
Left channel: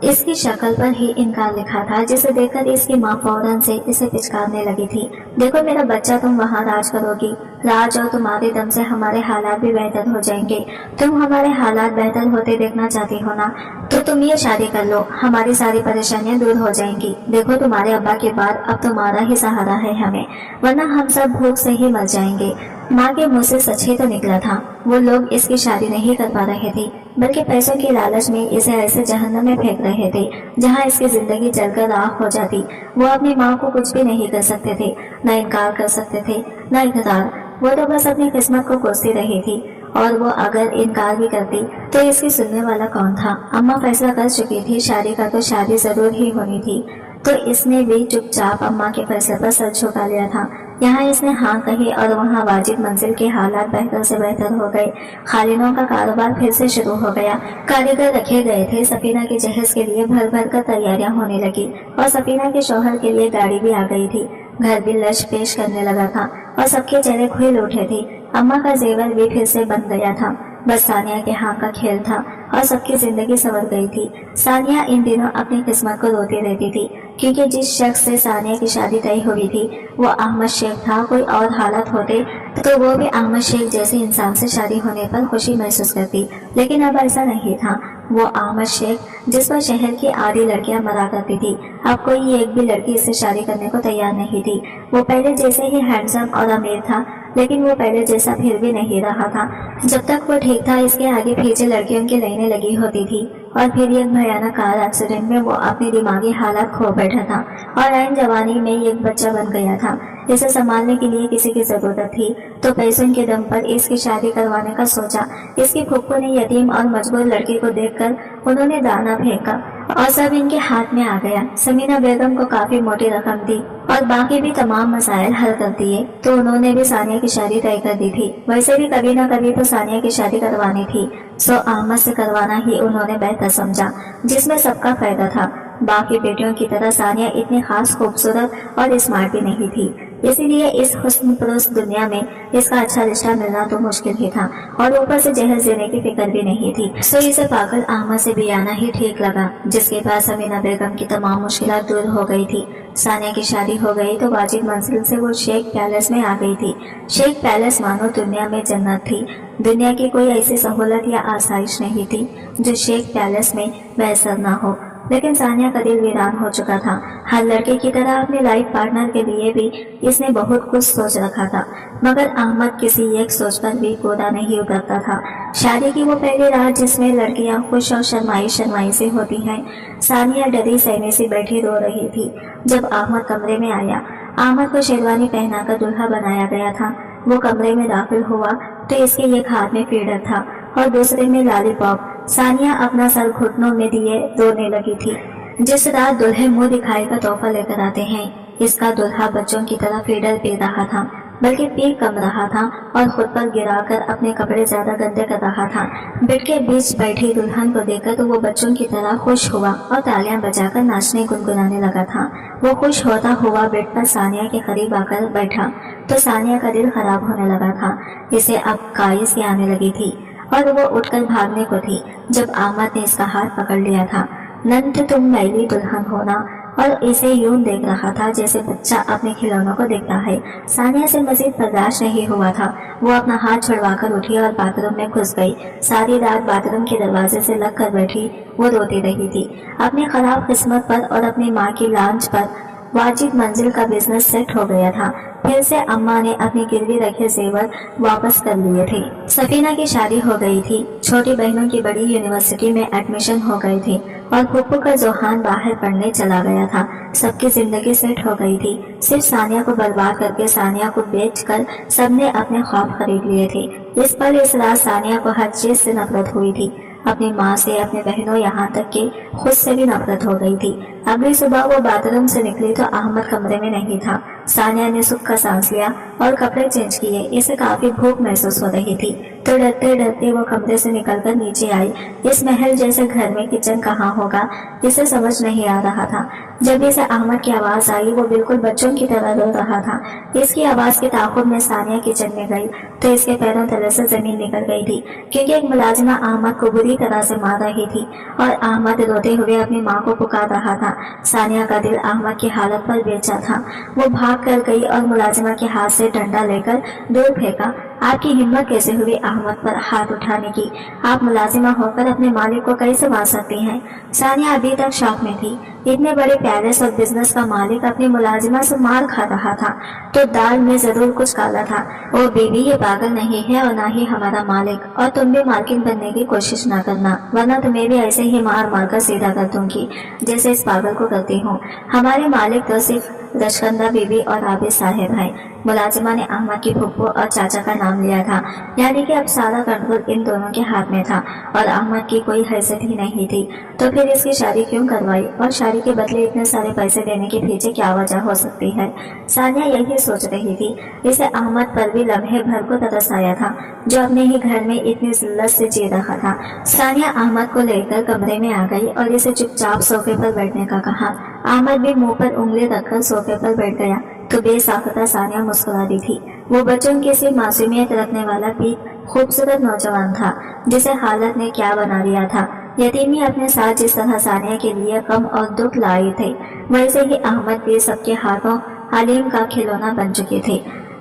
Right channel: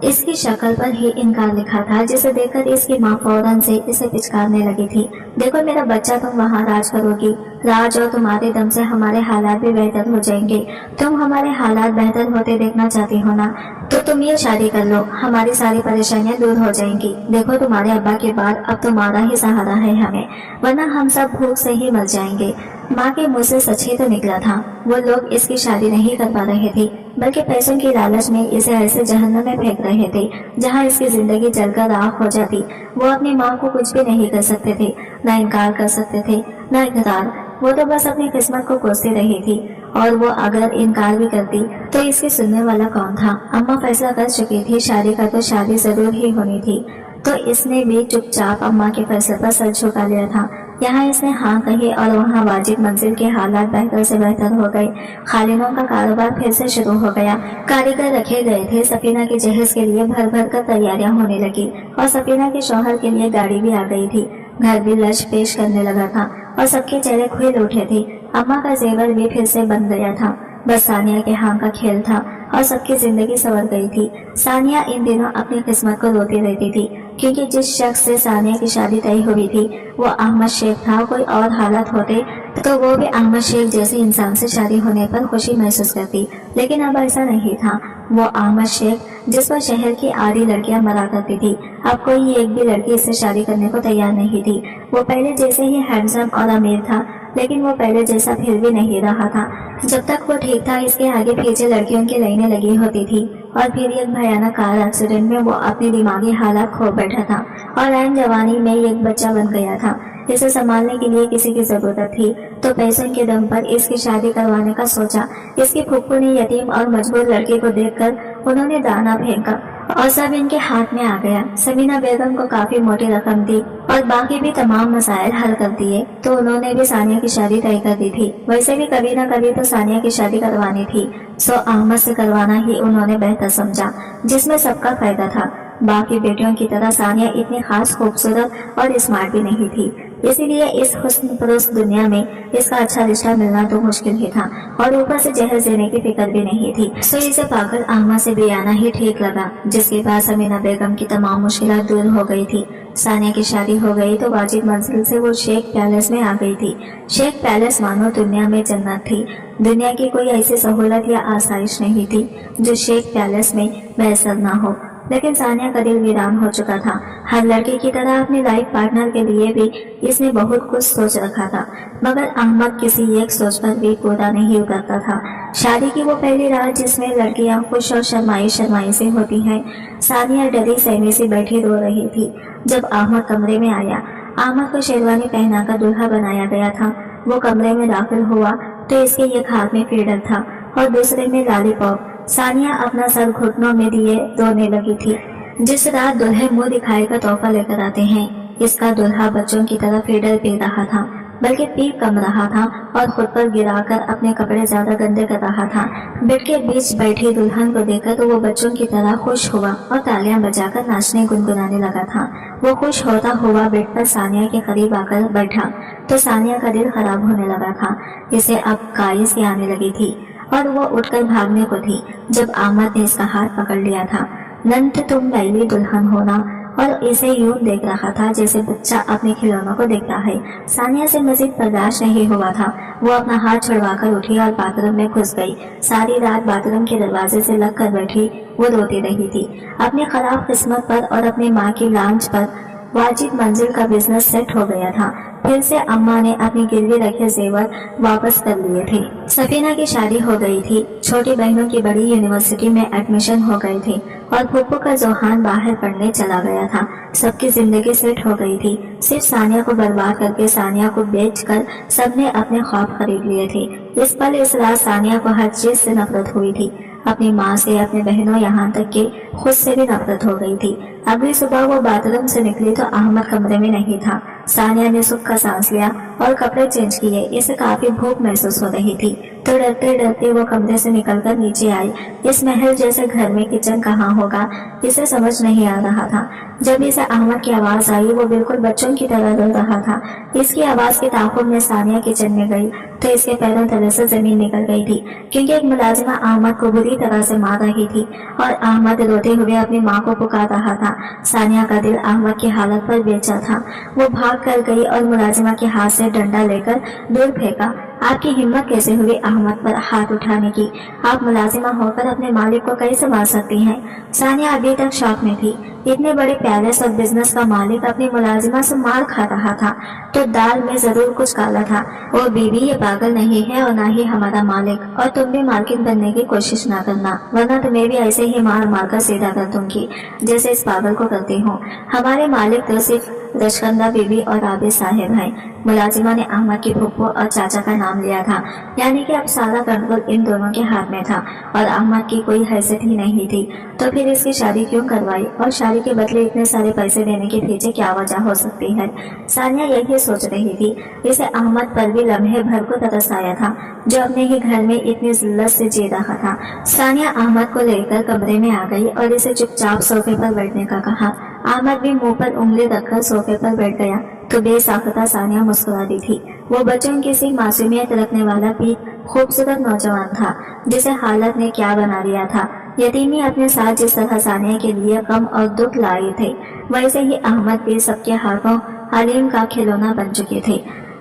इसकी शक्ल पर ही इनकार लिखा था, जिसे देखकर इसकी माँ फौरन से इसे पिचकारने लगी थी। देखो मेरा बच्चा, तुम वहाँ राज करोगी, राज और तुम्हारे दम से हमारे हालात भी बेहतर हो जाएंगे। तुम हमारे हालात बेहतर होते देखना चाहती हो ना, तो तुम ये शादी कर लो, हमारी सारी परेशानियां दूर हो जाएंगी। देखो तुम्हारे अब्बा के बाद अब तुम्हारा ही सहारा है हमें, वरना हम सब भूख से ही मर जाएंगे। माँ के मुंह से सच ही तो निकला था। वो लोग इसकी शादी नहीं करवा रहे थे, बल्कि पैसों के लालच में इसे ऐसे जहन्नम में फेंक रहे थे जहाँ इसकी जिंदगी जलकर राख हो जाती। वो अपनी माँ को कुछ भी नहीं कर सकते थे, न इनकार कर सकते थे न इकरार। वो तो बस अपनी किस्मत को कोसती रही थी, और वो अगर इनकार भी करती तो इसकी सुनने वाला कौन था? अम्मा फैसला कर चुकी थी शादी का, तो शादी जरूर ही होनी थी, तो इसने भी चुपचाप अम्मा के फैसले पर सर झुका लिया था। यहाँ इसने हाँ कही और वहाँ वाजिब मंजिल के हालात बेहतर से बेहतर हो गए। खालिनों का कारोबार फिर से शुरू हो गया। कारीगर रखे गए थे, सफीना के जहेज के लिए भर भर कर तैयारियां होने लगी, और सफीना के शौहर के लिए गाड़ी भी आ गई थी। घर भी लश पेश करने लगा था और सबके चेहरे खुल उठे थे। अम्मा का जेवर भी फिर से बन गया था, बस सानिया के हाँ का खेल था और सबकी जिंदगी संवर गई थी। सानिया इन दिनों अपनी किस्मत को रोती रहती थी, क्योंकि जिस शख्स से सानिया की शादी तय हुई थी वो अहमद शेख था। कोई और हालत होते तो वो भी अहमद शेख जैसे इंसान से शादी होने पर खुशी महसूस करती, लेकिन अब ऐसा नहीं था। वो अहमद शेख जिस पर शहर की आधी लड़कियां मरा करती थी, अब कोई एक भी लड़की इससे शादी करने को तैयार नहीं थी। वो पहले जैसे ही हैंडसम और अमीर था, लेकिन वो पहले जैसा फिर भी नहीं रहा था। जब तक वो ठीक था, इसके आगे पीछे लड़कियों की लाइनें लगी होती थी, और फिर एक भयानक कार एक्सीडेंट में वो अपनी दिमागी हालत खो बैठा था और ऐन जवानी में एक बच्चा बन गया था। इसे संभालने के लिए किसी की जरूरत थी, तो पैसों के दम पर इसकी शादी करवाने का सोचा। इसकी फुप्पू ने यतीम और मजबूर लड़के को देखकर उन्होंने दाना फेंका और सब इनके हाथ में आ गया। समीना बेगम को काफी मोटी रकम दी और बाकी भी तमाम मसाइल हल कर दिए, तो उन्होंने भी सानिया की शादी तय कर दी थी। वैसे भी कभी न कभी तो सानिया की शादी करवानी थी, सो अहमद से करवाना ही उन्होंने बेहतर समझा, जिसमें सबका फायदा था। बाकी बेटियों की तरह सानिया इतनी खास खूबसूरत और स्मार्ट भी नहीं थी, इसीलिए इस हुस्न परस्त दुनिया में इसका अच्छा रिश्ता मिलना तो मुश्किल ही था, और ऊपर से जहर देने की फिक्र भी नहीं थी। सो इसे पागल अहमद से भी आना ही ठीक लगा, जिसके बाद समीना बेगम की तमाम मुश्किलात दूर हो गई थी। सानिया की शादी हो गई तो वाजिब मंजिल से वो शेख पैलेस में आ गई थी। शेख पैलेस मानो दुनिया में जन्नत थी। दुनिया की कोई ऐसी सहूलत या आसाइश नहीं थी जो शेख पैलेस में मैसर ना हो, लेकिन सानिया का दिल वीरान हो चुका था। हर लड़के की तरह अपने लाइफ पार्टनर के लिए भी इसने बहुत कुछ सोच रखा था, मगर अहमद किसी एक सोच पर भी पूरा नहीं उतरता था। शादी की वो पहली रात जिसमें लड़कियां खुश और शर्माई शर्माई से होती हैं, सानिया डरी सहमी से बैठी रो रही थी। जब अहमद कमरे में आया, अहमद को शेरवानी पहनाकर दूल्हा बनाया गया था। वो कमरे में दाखिल हुआ तो इसके एक हाथ में फीडर था और दूसरे में लॉलीपॉप। सानिया अपना सर घुटनों में दिए रोने लगी थी। जिस रात दुल्हे मुंह दिखाई का तोहफा लेकर आते हैं, इसका दुल्हा बच्चों की तरह फीडर पी रहा था, बल्कि पी कम रहा था और खुद पर गिराकर अपने कपड़े ज्यादा गंदे कर रहा था। बेड के बीच बैठी दुल्हन को देखकर तो वो बच्चों की तरह खुश हुआ और तालियां बजाकर नाचने गुनगुनाने लगा था। वो खुश होता हुआ बेड पर सानिया के करीब आकर बैठा तो सानिया का दिल खराब होने लगा था। इसे अब कायस आने लगी थी और वो उठकर भागने को थी, जब अहमद ने इसका हाथ पकड़ लिया था। नंद तुम मैली दुल्हन होना और इसे यूं देख रहा था जैसे बच्चा अपने खिलौनों को देखता है। सानिया से मजीद बर्दाश्त नहीं हुआ था। वो अपना हाथ छुड़वाकर उठी और बाथरूम में घुस गई। सारी रात बाथरूम के दरवाजे से लग कर बैठी वो रोती रही थी। अपनी खराब किस्मत पर और अपनी माँ की लांच पर वाजिद मंजिल का बिजनेस सेट हो गया था। फिर से अम्मा ने अपनी गिरवी रखे जेवर वापस कर लिए थे। सफीना की शादी हो गई थी। छोटी बहनों की बड़ी यूनिवर्सिटी में एडमिशन हो गई थी और फुप्पू का जोहान बाहर पढ़ने चला गया था। सबकी जिंदगी सेट हो गई थी। सिर्फ सानिया को बर्बाद करके, सानिया को बेचकर सबने अपने ख्वाब खरीद लिए थे। इस पल इस रात सानिया को हर चीज से नफरत हुई थी। अपनी माँ से, अपने बहनों, यहाँ तक कि खुद से भी नफरत हो गई थी। अगली सुबह वो बाथरूम से निकली तो अहमद कमरे में नहीं था। सानिया ने सुख का सांस लिया और कपड़े चेंज किए। इसे काफी भूख महसूस हो रही थी तो डरते डरते वो कमरे से निकलकर नीचे आई। इस महल जैसे घर में किचन कहाँ होगा, इसे समझ नहीं आ रहा था। जब इसे अहमद की आवाज आई वो बिल्कुल बच्चों की तरह रो रहा था। इसकी आवाज के ताक़ुब में सानिया किचन में गई तो इसके पैरों तले से जमीन निकल गई थी, क्योंकि एक मुलाजिमा अहमद को बुरी तरह से मार रही थी और अहमद रोते हुए अपनी माँ को पुकार रहा था। सानिया का दिल अहमद की हालत पर बेचा था। वो भाग कर गई और मुलाजिमा के हाथ से डंडा लेकर दूर फेंका। आपकी हिम्मत कैसे हुई अहमद पर हाथ उठाने की? आप मुलाजिमा होकर अपने मालिक को कैसे मार सकती हैं? सानिया अभी तक शॉक में थी। इतने बड़े पैलेस और बिजनेस का मालिक अपनी मुलाजिमा से मार खा रहा था तो दाल में जरूर कुछ काला था। ओ बीवी, ये पागल नहीं है और ना ही हमारा मालिक, और तुम भी मार्किन बनने की कोशिश ना करना, वरना तुम्हें भी ऐसे ही मार मार कर सीधा कर दूंगी जैसे इस पागल को करती हूँ। हमारे मालिक तो सिर्फ रशकंदा बीबी और आबिद साहब हैं। मुलाजिमा ने अहमद की फुप्पो और चाचा का नाम लिया था, यानी कि अब सारा कंट्रोल इन दोनों के हाथ में था और अहमद की कोई हैसियत ही नहीं थी। तो फिर इसकी शादी क्यों करवाई और शादी के बदले इतने सारे पैसे देने के पीछे क्या वजह हो सकती है? सानिया यही सोच रही थी। इसे अहमद पर भी लम्हे भर को तरस आया था, जो अपने ही घर में इतनी जिल्लत से जी रहा था। सानिया अहमद को लेकर कमरे में आ गई और इसे चुपचाप सोफे पर बैठने का कहा। अहमद भी मुंह पर उंगली रखकर सोफे पर बैठ गया तो बेसाख्ता सानिया मुस्कुरा दी थी। वो बच्चों की सी मासूमियत रखने वाला पीक खूबसूरत नौजवान था जिसे हालत ने क्या बना दिया था। यतीमी अपने साथ जिस तरह सानिया के लिए गम और दुख लाए थे, वैसे ही अहमद भी सबके हाथों हलीम का खिलौना बन चुके थे।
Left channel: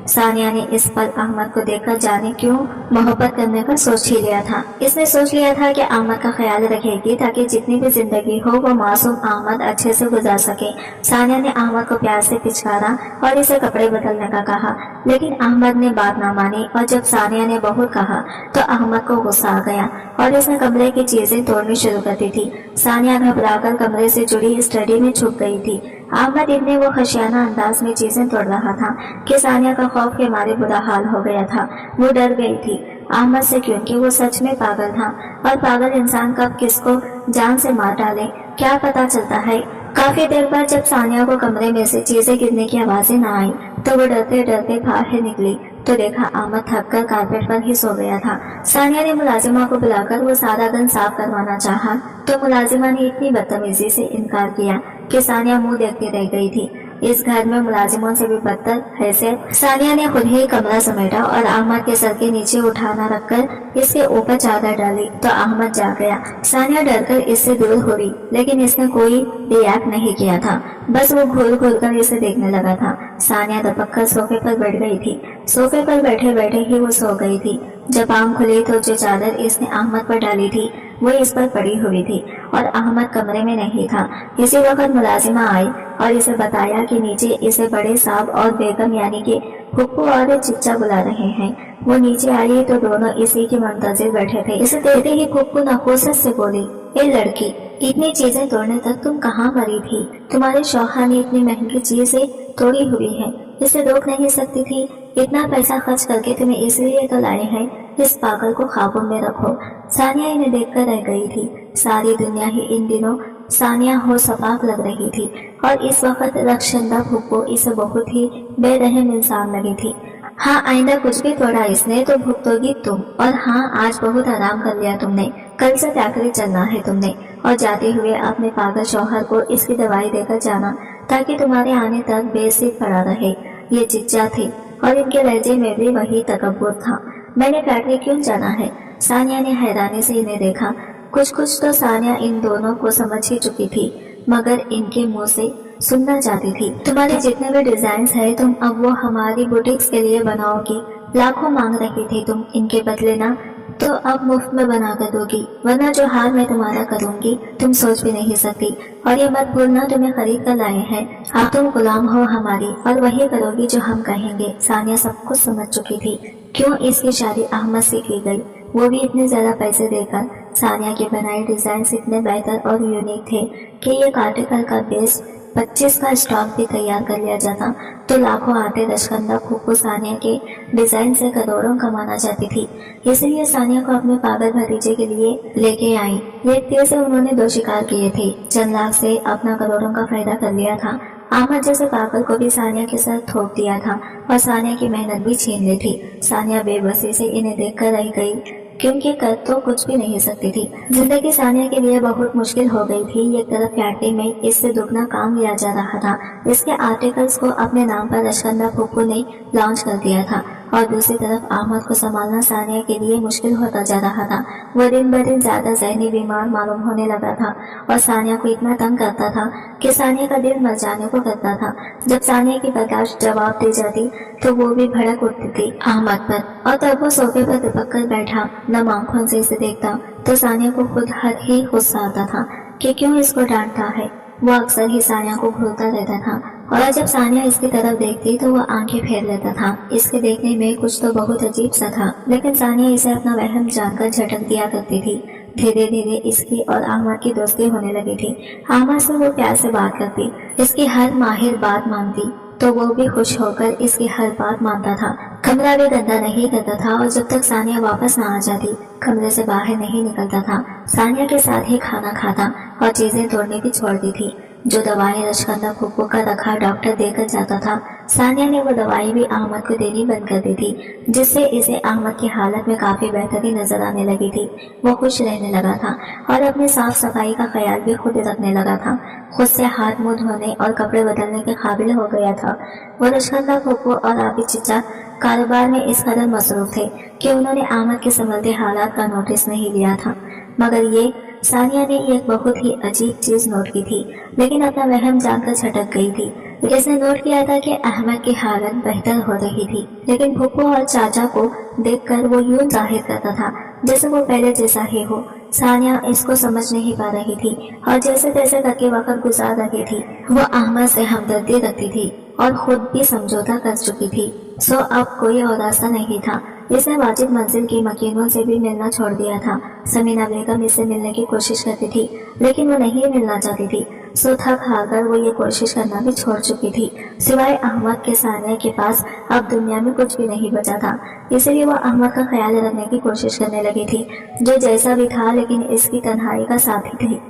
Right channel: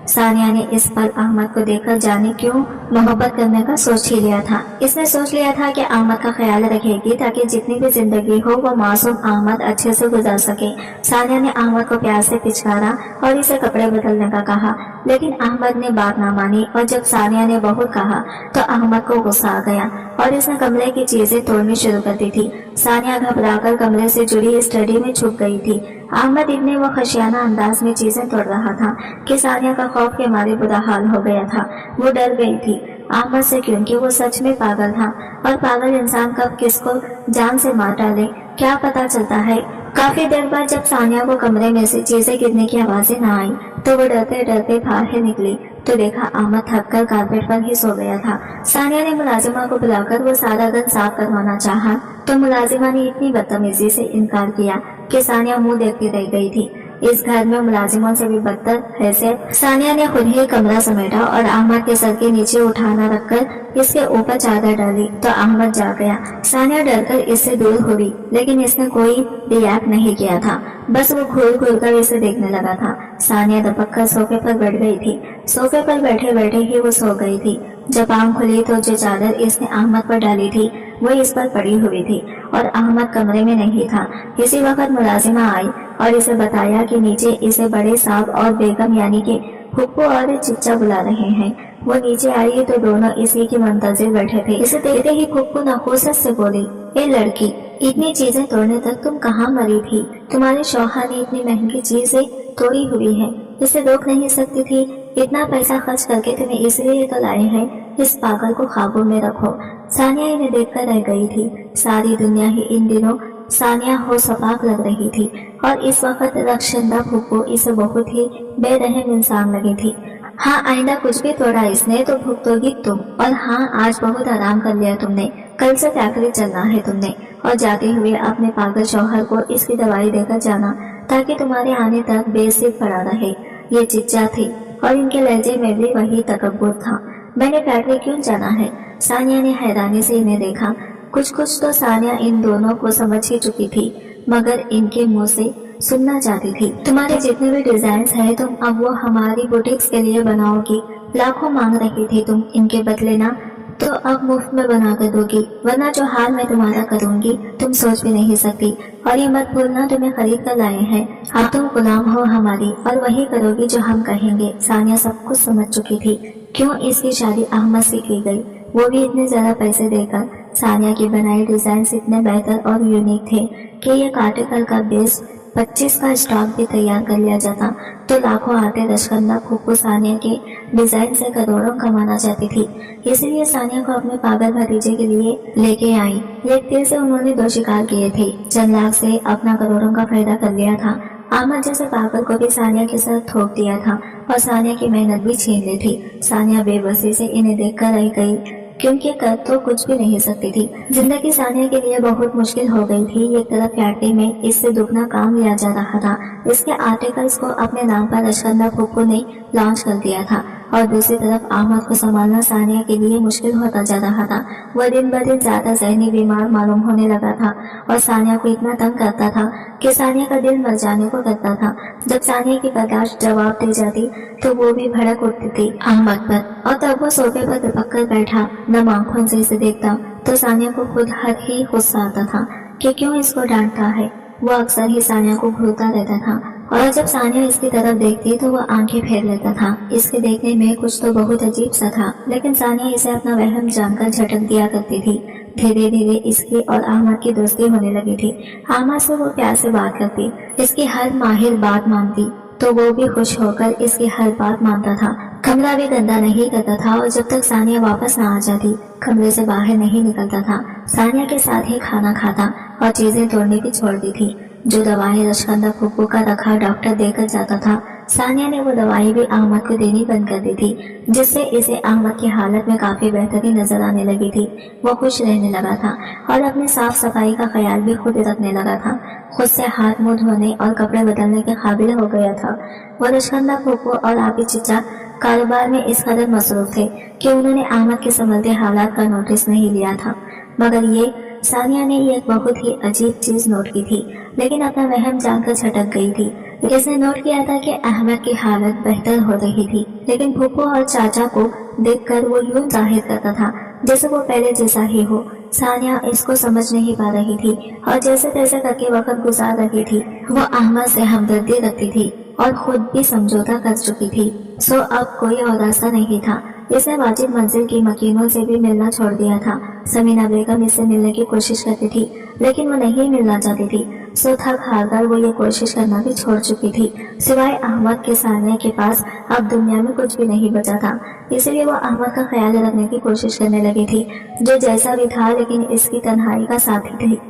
सानिया ने इस पल अहमद को देखकर जाने क्यों मोहब्बत करने का सोच ही लिया था। इसने सोच लिया था कि अहमद का ख्याल रखेगी ताकि जितनी भी जिंदगी हो वो मासूम अहमद अच्छे से गुजार सके। सानिया ने अहमद को प्यार से पिचकारा और इसे कपड़े बदलने का कहा, लेकिन अहमद ने बात ना मानी और जब सानिया ने बहुत कहा तो अहमद को गुस्सा आ गया और इसने कमरे की चीजें तोड़नी शुरू कर दी थी। सानिया घबराकर कमरे से जुड़ी स्टडी में छुप गई थी। अहमद इतने वो खशियाना अंदाज में चीजें तोड़ रहा था कि सानिया का खौफ के मारे बुरा हाल हो गया था। वो डर गई थी अहमद से, क्योंकि वो सच में पागल था और पागल इंसान कब किसको जान से मार डाले क्या पता चलता है। काफी देर बाद जब सानिया को कमरे में से चीजें गिरने की आवाजें न आई तो वो डरते डरते बाहर निकली तो देखा अहमद थककर कारपेट पर ही सो गया था। सानिया ने मुलाजिमा को बुलाकर वो सारा दिन साफ करवाना चाहा तो मुलाजिमा ने इतनी बदतमीजी से इनकार किया कि सानिया मुंह देखती रह गई थी। इस घर में मुलाजिमों से भी बदतर हैसियत सानिया ने खुद ही कमरा समेटा और अहमद के सर के नीचे उठाना रखकर इसके ऊपर चादर डाली तो अहमद जाग गया। सानिया डरकर इससे दूर हुई, लेकिन इसने कोई रिएक्ट नहीं किया था, बस वो घूर घूर कर इसे देखने लगा था। सानिया दबक कर सोफे पर बैठ गई थी। सोफे पर बैठे बैठे ही वो सो गई थी। जब आंख खुली तो जो चादर इसने अहमद पर डाली थी वो इस पर पड़ी हुई थी और अहमद कमरे में नहीं था। इसी वक्त मुलाजिमा आई और इसे बताया कि नीचे इसे बड़े साहब और बेगम यानी कि फुप्पो और चिच्चा बुला रहे हैं। वो नीचे आई तो दोनों इसी की मुंतजिर बैठे थे। इसे देखते ही फुप्पो नखोसत से बोली, ए लड़की, इतनी चीजें तोड़ने तक तुम कहाँ मरी थी? तुम्हारे शौहर ने इतनी महंगी चीजें तोड़ी हुई है, इसे रोक नहीं सकती थी? इतना पैसा खर्च करके तुम्हें इसलिए तो लाए हैं, इस पागल को काबू में रखो। सानिया इन्हें देखकर रह गई थी। सारी दुनिया ही इन दिनों सानिया हो सपाक लग रही थी और इस वक्त रक्षंदा फुप्पो इसे बहुत ही बेरहम इंसान लगी थी। हाँ, आइंदा कुछ भी तोड़ा इसने तो भुगतोगी तुम। और हाँ, आज बहुत आराम कर लिया तुमने, कल से फैक्ट्री चलना है तुमने और जाते हुए अपने पागल शौहर को इसकी दवाई देकर जाना ताकि तुम्हारे आने तक बेसिर पड़ा रहे। ये चिच्चा थी और इनके लहजे में भी वही तकब्बुर था। मैंने फैक्ट्री क्यों जाना है? सानिया ने हैरानी से इन्हें देखा। कुछ कुछ तो सानिया इन दोनों को समझ ही चुकी थी, मगर इनके मुंह से सुनना चाहती थी। तुम्हारे जितने भी डिजाइन है तुम अब वो हमारी बुटीक्स के लिए बनाओगी। लाखों मांग रही थी तुम इनके बदले ना, तो अब मुफ्त में बना कर दोगी, वरना जो हाल मैं तुम्हारा करूंगी तुम सोच भी नहीं सकती। और ये मत भूलना तुम्हें खरीद कर लाए हैं, अब तुम गुलाम हो हमारी और वही करोगी जो हम कहेंगे। सानिया सब कुछ समझ चुकी थी क्यों इसकी शादी अहमद से की गई, वो भी इतने ज्यादा पैसे देकर। सानिया की बनाई डिजाइन इतने बेहतर और यूनिक थे कि एक आर्टिकल का बेस 25 का स्टॉक भी तैयार कर लिया जाता तो लाखों आते। रशकंदा फूफू सानिया के डिजाइन से करोड़ों कमाना चाहती थी, इसलिए सानिया को अपने पागल भतीजे के लिए लेके आई। एक तीर से उन्होंने 2 शिकार किए थे, चंद लाख से अपना करोड़ों का फायदा कर लिया था। अहमद जैसे पागल को भी सानिया के साथ थोप दिया था और सानिया की मेहनत भी छीन ली थी। सानिया बेबसी से इन्हें देखकर रह गई क्योंकि कर तो कुछ भी नहीं सकती थी। जिंदगी सानिया के लिए बहुत मुश्किल हो गई थी। एक तरफ फैक्ट्री में इससे दुगना काम लिया जा रहा था, इसके आर्टिकल्स को अपने नाम पर रशकंदा फूफू ने लॉन्च कर दिया था, और दूसरी तरफ अहमद को संभालना सानिया के लिए मुश्किल होता जा रहा था। वह दिन ब दिन ज्यादा जहनी बीमार मालूम होने लगा था और सानिया को इतना तंग करता था कि सानिया का दिल मर जाने को करता था। जब सानिया की बर्दाश्त जवाब दे जाती तो वो भी भड़क उठती थी अहमद पर, और तब वो सोफे पर तिपक कर बैठा नम आंखों से इसे देखता तो सानिया को खुद हर ही गुस्सा आता था कि क्यों इसको डांटता है। वो अक्सर ही सानिया को घूरता रहता था और जब सानिया इसकी तरफ देखती तो वह आंखें फेर लेता था। इसके देखने में कुछ तो बहुत अजीब सा था, लेकिन सानिया इसे अपना वहम जानकर झटक दिया करती थी। धीरे धीरे इसकी और अहमद की दोस्ती होने लगी थी। अहमद से वो प्यार से बात करती, इसकी हर माहिर बात मानती तो वो भी खुश होकर इसकी हर बात मानता था। कमरा भी गंदा नहीं करता था और जब तक सानिया वापस ना आ जाती कमरे से बाहर नहीं निकलता था। सानिया के साथ ही खाना खाता और चीजें तोड़ने की छोड़ दी थी। जो दवाएं रशकंदा फूफू का रखा डॉक्टर देकर जाता था, सानिया ने वो दवाई भी अहमद को देनी बंद कर दी थी, जिससे इसे अहमद की हालत में काफी बेहतरी नजर आने लगी थी। वो खुश रहने लगा था और अपनी साफ सफाई का ख्याल भी खुद रखने लगा था। खुद से हाथ मुंह धोने और कपड़े बदलने के काबिल हो गया था। वो रशकंदा फूफू और आपी चिच्चा कारोबार में इस कदर मसरूफ थे कि उन्होंने अहमद के संभलते हालात का नोटिस नहीं लिया था। मगर ये सानिया ने एक बहुत ही अजीब चीज नोट की थी, लेकिन अपना वहम जानकर छटक गई थी। इसने नोट किया था कि अहमद की हालत बेहतर हो रही थी, लेकिन फूफू और चाचा को देखकर वो यूं जाहिर करता था जैसे वो पहले जैसा ही हो। सानिया इसको समझ नहीं पा रही थी और जैसे तैसे करके वक्त गुजार रही थी। वो अहमद से हमदर्दी रखती थी और खुद भी समझौता कर चुकी थी, सो अब कोई और रास्ता नहीं था। इसने वाजिब मंजिल की मकीनों से भी मिलना छोड़ दिया था। समीना बेगम इससे मिलने की कोशिश करती थी, लेकिन वो नहीं मिलना चाहती थी, सो थक हार कर वो ये कोशिश करना भी छोड़ चुकी थी। सिवाय अहमद के सानिया के पास अब दुनिया में कुछ भी नहीं बचा था, इसलिए वो अहमद का ख्याल रखने की कोशिश करने लगी थी, जो जैसा भी था लेकिन इसकी तन्हाई का साथी थी।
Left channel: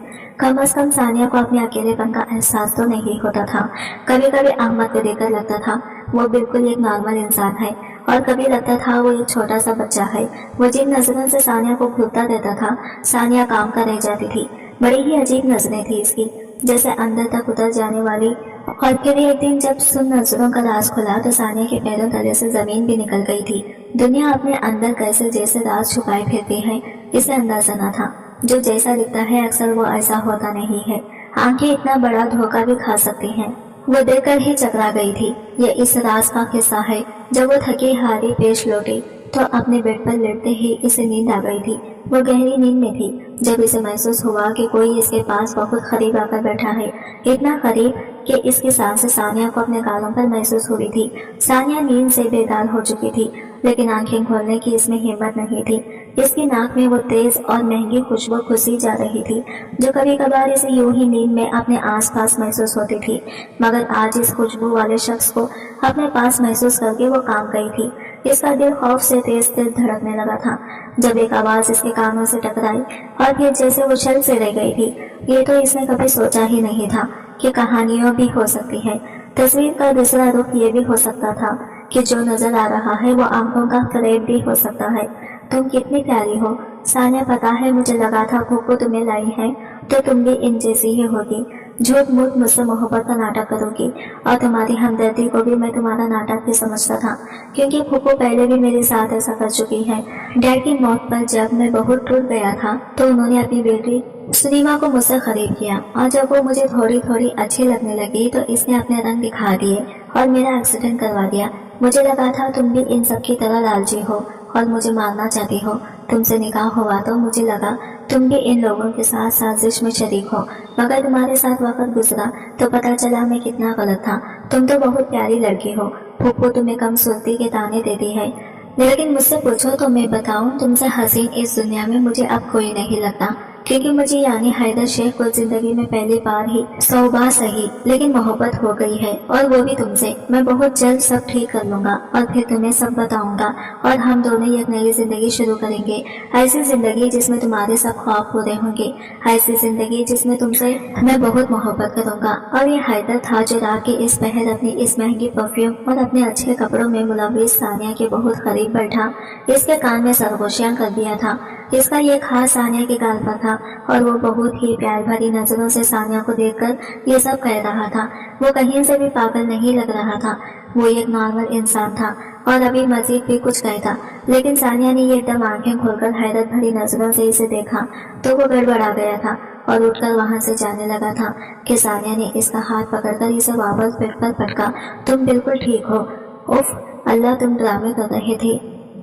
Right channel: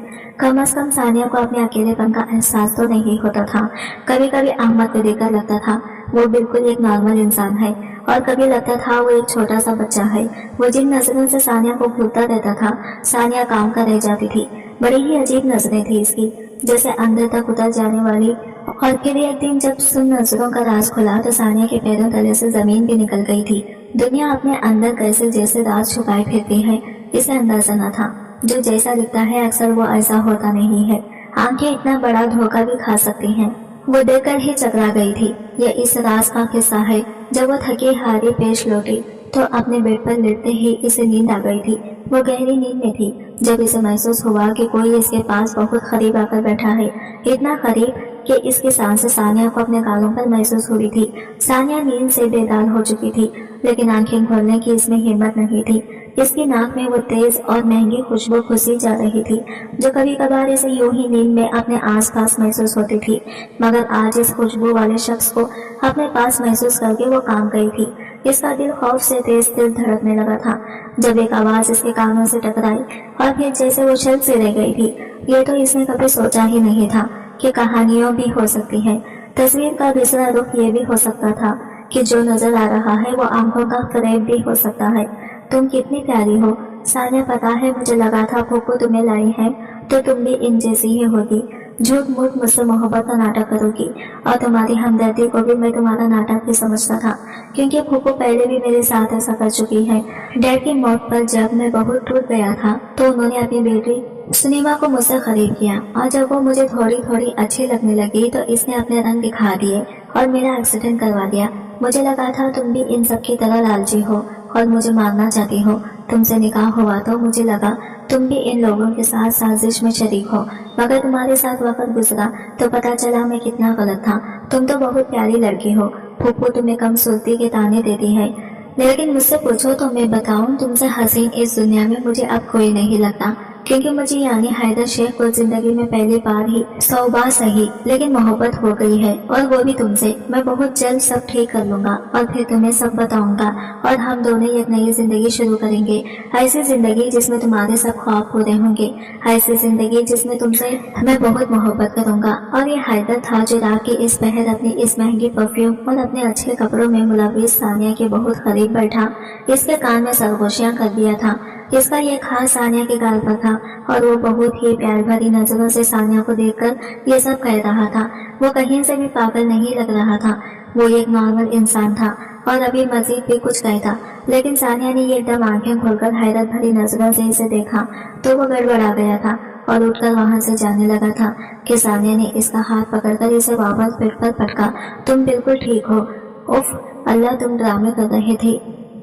कम से कम सानिया को अपने अकेलेपन का एहसास तो नहीं होता था। कभी कभी अहमद को देखकर लगता था वो बिल्कुल एक नॉर्मल इंसान है, और कभी लगता था वो एक छोटा सा बच्चा है। वो जिन नजरों से सानिया को घूरता रहता था, सानिया काम का रह जाती थी। बड़ी ही अजीब नजरें थी इसकी, जैसे अंदर तक उतर जाने वाली। और फिर एक दिन जब सुन नजरों का राज खुला तो सानिया के पैरों तले से जमीन भी निकल गई थी। दुनिया अपने अंदर कैसे जैसे राज छुपाए फिरती है, इसे अंदाजा न था। जो जैसा दिखता है अक्सर वो ऐसा होता नहीं है। आंखें इतना बड़ा धोखा भी खा सकती हैं। वो देखकर ही चकरा गई थी। यह इस राज का किस्सा है। जब वो थकी हारी पेश लौटी तो अपने बेड पर लेटते ही इसे नींद आ गई थी। वो गहरी नींद में थी जब इसे महसूस हुआ कि कोई इसके पास बहुत करीब आकर बैठा है, इतना करीब कि इसकी सांसें सानिया को अपने गालों पर महसूस हो रही थी। सानिया नींद से बेदाल हो चुकी थी, लेकिन आंखें खोलने की इसमें हिम्मत नहीं थी। इसकी नाक में वो तेज और महंगी खुशबू घुसी जा रही थी, जो कभी कभार इसे यूं ही नींद में अपने आसपास महसूस होती थी। मगर आज इस खुशबू वाले शख्स को अपने पास महसूस करके वो काम गई थी। इसका दिल खौफ से तेज तेज धड़कने लगा था जब एक आवाज इसके कानों से टकराई, और फिर जैसे वो शल से रह गई थी। ये तो इसने कभी सोचा ही नहीं था कि कहानियों भी हो सकती है। तस्वीर का दूसरा रुख ये भी हो सकता था कि जो नजर आ रहा है वो आंखों का फरेब भी हो सकता है। तुम कितनी प्यारी हो सानिया, पता है मुझे लगा था फूफू तुम्हें लाई है तो तुम भी इन जैसी ही होगी। झूठ मूठ मुझसे मोहब्बत का नाटक करोगी, और तुम्हारी हमदर्दी को भी मैं तुम्हारा नाटक ही समझता था, क्योंकि फूफू पहले भी मेरे साथ ऐसा कर चुकी है। डैड की मौत पर जब मैं बहुत टूट गया था तो उन्होंने अपनी बेटी सुनीमा को मुझसे खरीद किया, और जब वो मुझे थोड़ी थोड़ी अच्छी लगने लगी तो इसने अपने रंग दिखा दिए और मेरा एक्सीडेंट करवा दिया। मुझे लगा था तुम भी इन सब की तरह लालची हो और मुझे मारना चाहती हो। तुमसे निकाह हुआ तो मुझे लगा तुम भी इन लोगों के साथ साजिश में शरीक हो, मगर तुम्हारे साथ वक्त गुजरा तो पता चला मैं कितना गलत था। तुम तो बहुत प्यारी लड़की हो। फूफू तुम्हें कम सुर्ती के ताने देती है, लेकिन मुझसे पूछो तो मैं बताऊं, तुमसे हसीन इस दुनिया में मुझे अब कोई नहीं लगता, क्योंकि मुझे यानी हैदर शेख को जिंदगी में पहली बार ही 100 बार सही लेकिन मोहब्बत हो गई है, और वो भी तुमसे। मैं बहुत जल्द सब ठीक कर लूंगा और फिर तुम्हें सब बताऊंगा, और हम दोनों एक नई जिंदगी शुरू करेंगे। ऐसी जिंदगी जिसमें तुम्हारे सब ख्वाब पूरे होंगे, ऐसी जिंदगी जिसमें तुमसे मैं बहुत मोहब्बत करूंगा। और ये हैदर था जो रात के इस पहर अपनी इस महंगी परफ्यूम और अपने अच्छे कपड़ों में मुलव्विस सानिया के बहुत करीब बैठा, इसके कान में सरगोशियां कर दिया था। इसका ये खास सानिया के गाल पर था, और वो बहुत ही प्यार भरी नजरों से सानिया को देखकर ये सब कह रहा था। वो कहीं से भी पागल नहीं लग रहा था, वो एक नॉर्मल इंसान था और अभी मजीद भी कुछ कहता, लेकिन सानिया ने एकदम आंखें खोलकर हैरत भरी नजरों से इसे देखा तो वो गड़बड़ा गया था और उठकर वहां से जाने लगा था कि सानिया ने इसका हाथ पकड़कर इसे वापस पेट पर पटका। तुम बिल्कुल ठीक हो। उफ अल्लाह, तुम ड्रामे कर रहे थे,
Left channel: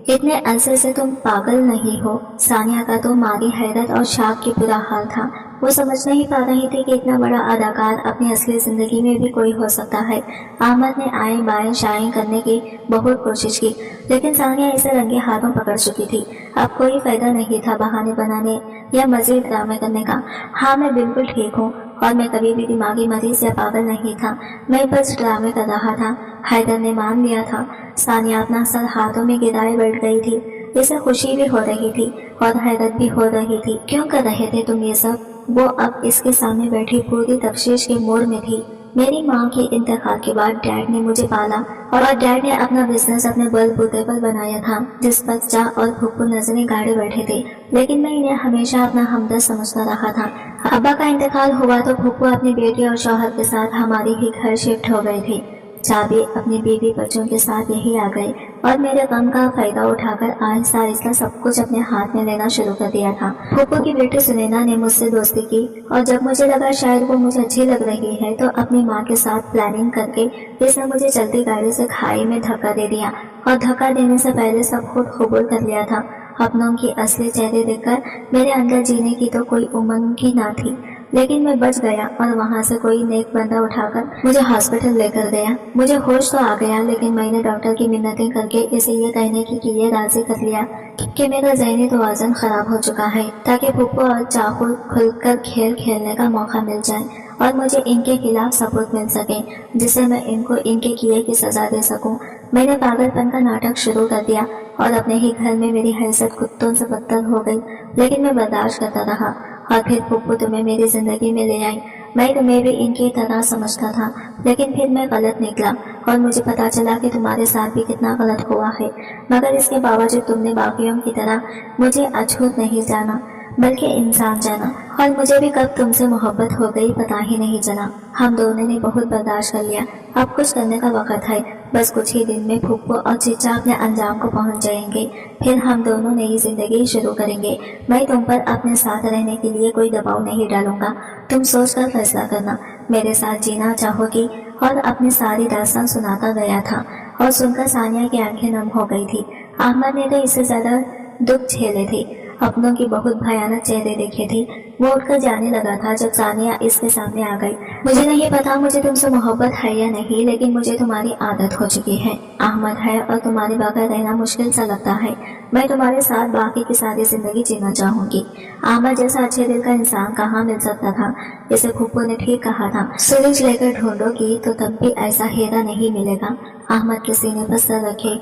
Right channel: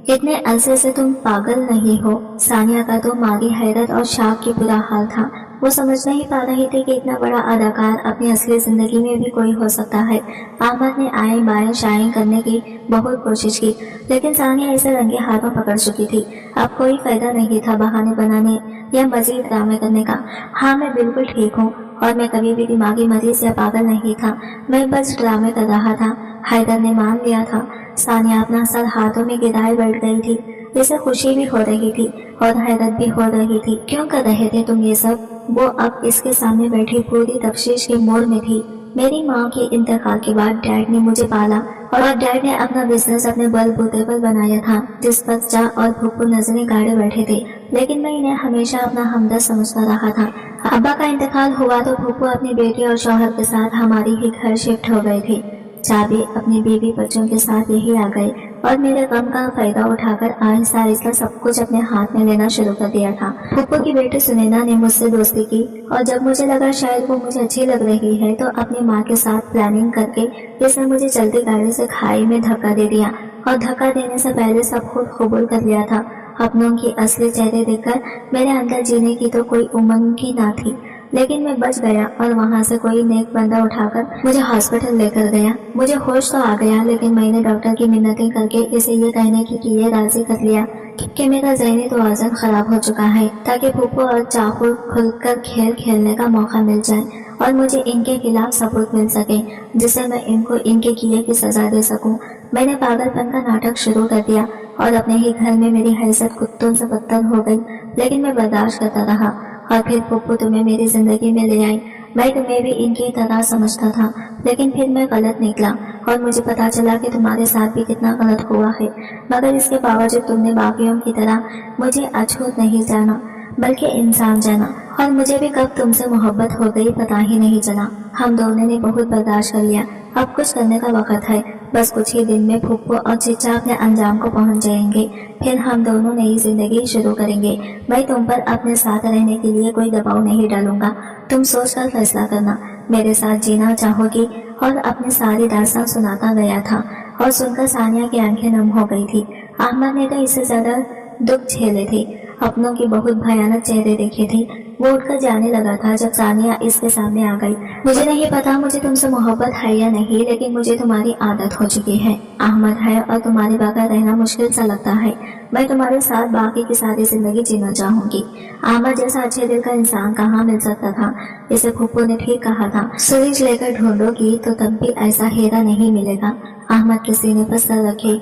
इतने अरसे से तुम पागल नहीं हो। सानिया का तो मारी हैरत और शाक की बुरा हाल था। वो समझ नहीं पा रही थी कि इतना बड़ा अदाकार अपनी असली जिंदगी में भी कोई हो सकता है। अहमद ने आए बाएं शाएं करने की बहुत कोशिश की, लेकिन सानिया इसे रंगे हाथों पकड़ चुकी थी। अब कोई फायदा नहीं था बहाने बनाने या मजीद ड्रामे करने का। हाँ, मैं बिल्कुल ठीक हूँ और मैं कभी भी दिमागी मरीज या पागल नहीं था, मैं बस ड्रामे कर रहा था। हैदर ने मान लिया था। सानिया अपना सर हाथों में गिराए बैठ गई थी। इसे खुशी भी हो रही थी और हैरत भी हो रही थी। क्यों कर रहे थे तुम ये सब? वो अब इसके सामने बैठी पूरी तफ्शीश के मोड़ में थी। मेरी माँ के इंतकाल के बाद डैड ने मुझे पाला और डैड ने अपना बिजनेस अपने बलबूते पर बनाया था, जिस पर चा और फूफू नजरें गाड़े बैठे थे, लेकिन मैं इन्हें हमेशा अपना हमदर्द समझता रहा था। अब्बा का इंतकाल हुआ तो फूफू अपनी बेटी और शौहर के साथ हमारी ही घर शिफ्ट हो गए थे। चाबी अपनी बीवी बच्चों के साथ यही आ गए और मेरे गम का फायदा उठाकर आहिस्ता आहिस्ता सब कुछ अपने हाथ में लेना शुरू कर दिया था। फूफू की बेटी सुनैना ने मुझसे दोस्ती की और जब मुझे लगा शायद वो मुझे अच्छी लग रही है तो अपनी माँ के साथ प्लानिंग करके इसने मुझे चलती गाड़ी से खाई में धक्का दे दिया, और धक्का देने से पहले सब खुद कबूल कर लिया था। अपनों की असली चेहरे देखकर मेरे अंदर जीने की तो कोई उमंग ही ना थी, लेकिन मैं बच गया और वहां से कोई नेक बंदा उठाकर मुझे हॉस्पिटल लेकर गया। मुझे होश तो आ गया, लेकिन मैंने डॉक्टर की मिन्नतें करके इसे ये कहने की कि ये राजी कर लिया कि मेरा ज़हनी तवाज़ुन खराब हो चुका है, ताकि फूफू और चाकू खुलकर खेल खेलने का मौका मिल जाए और मुझे इनके खिलाफ सबूत मिल सके, जिससे मैं इनको इनके किए की सजा दे सकूं। मैंने पागलपन का नाटक शुरू कर दिया और अपने ही घर में मेरी हैसियत कुत्तों से बदतर हो गई, लेकिन मैं बर्दाश्त करता रहा। और फिर फूफू तुम्हें मेरी जिंदगी में ले आई। मैं तुम्हें भी इनकी तरह समझता था, लेकिन फिर मैं गलत निकला और मुझे पता चला कि तुम्हारे साथ भी कितना गलत हुआ है। मगर इसके बावजूद तुमने बाकियों की तरह मुझे अछूत नहीं जाना, बल्कि इंसान जाना, और मुझे भी कब तुमसे मोहब्बत हो गई पता ही नहीं चला। हम दोनों ने बहुत बर्दाश्त कर लिया। अब कुछ करने का वक्त है। बस कुछ ही दिन में फूफू और चिच्चा अपने अंजाम को पहुंच जाएंगे। फिर हम दोनों नई जिंदगी शुरू करेंगे। मैं तुम पर अपने साथ रहने के लिए कोई दबाव नहीं डालूंगा। तुम सोचकर फैसला करना। मेरे साथ जीना चाहोगी? और अपनी सारी दास्तान सुनाता गया था और सुनकर सानिया की आंखें नम हो गई थी। अहमद ने तो इससे ज्यादा दुख झेले थे, अपनों की बहुत भयानक चेहरे देखे थे। वो उठकर जाने लगा था जब सानिया इसके सामने आ गई। मुझे नहीं पता मुझे तुमसे मोहब्बत है या नहीं, लेकिन मुझे तुम्हारी आदत हो चुकी है। अहमद है और तुम्हारे बगैर रहना मुश्किल सा लगता है। मैं तुम्हारे साथ बाकी की सारी जिंदगी जीना चाहूंगी। अहमद जैसा अच्छे दिल का इंसान कहाँ मिल सकता था? इसे फूफू ने ठीक कहा था, सुरीज लेकर ढूंढोगी तो तब भी ऐसा हीरा नहीं मिलेगा। अहमद के सीने पर सर रखे।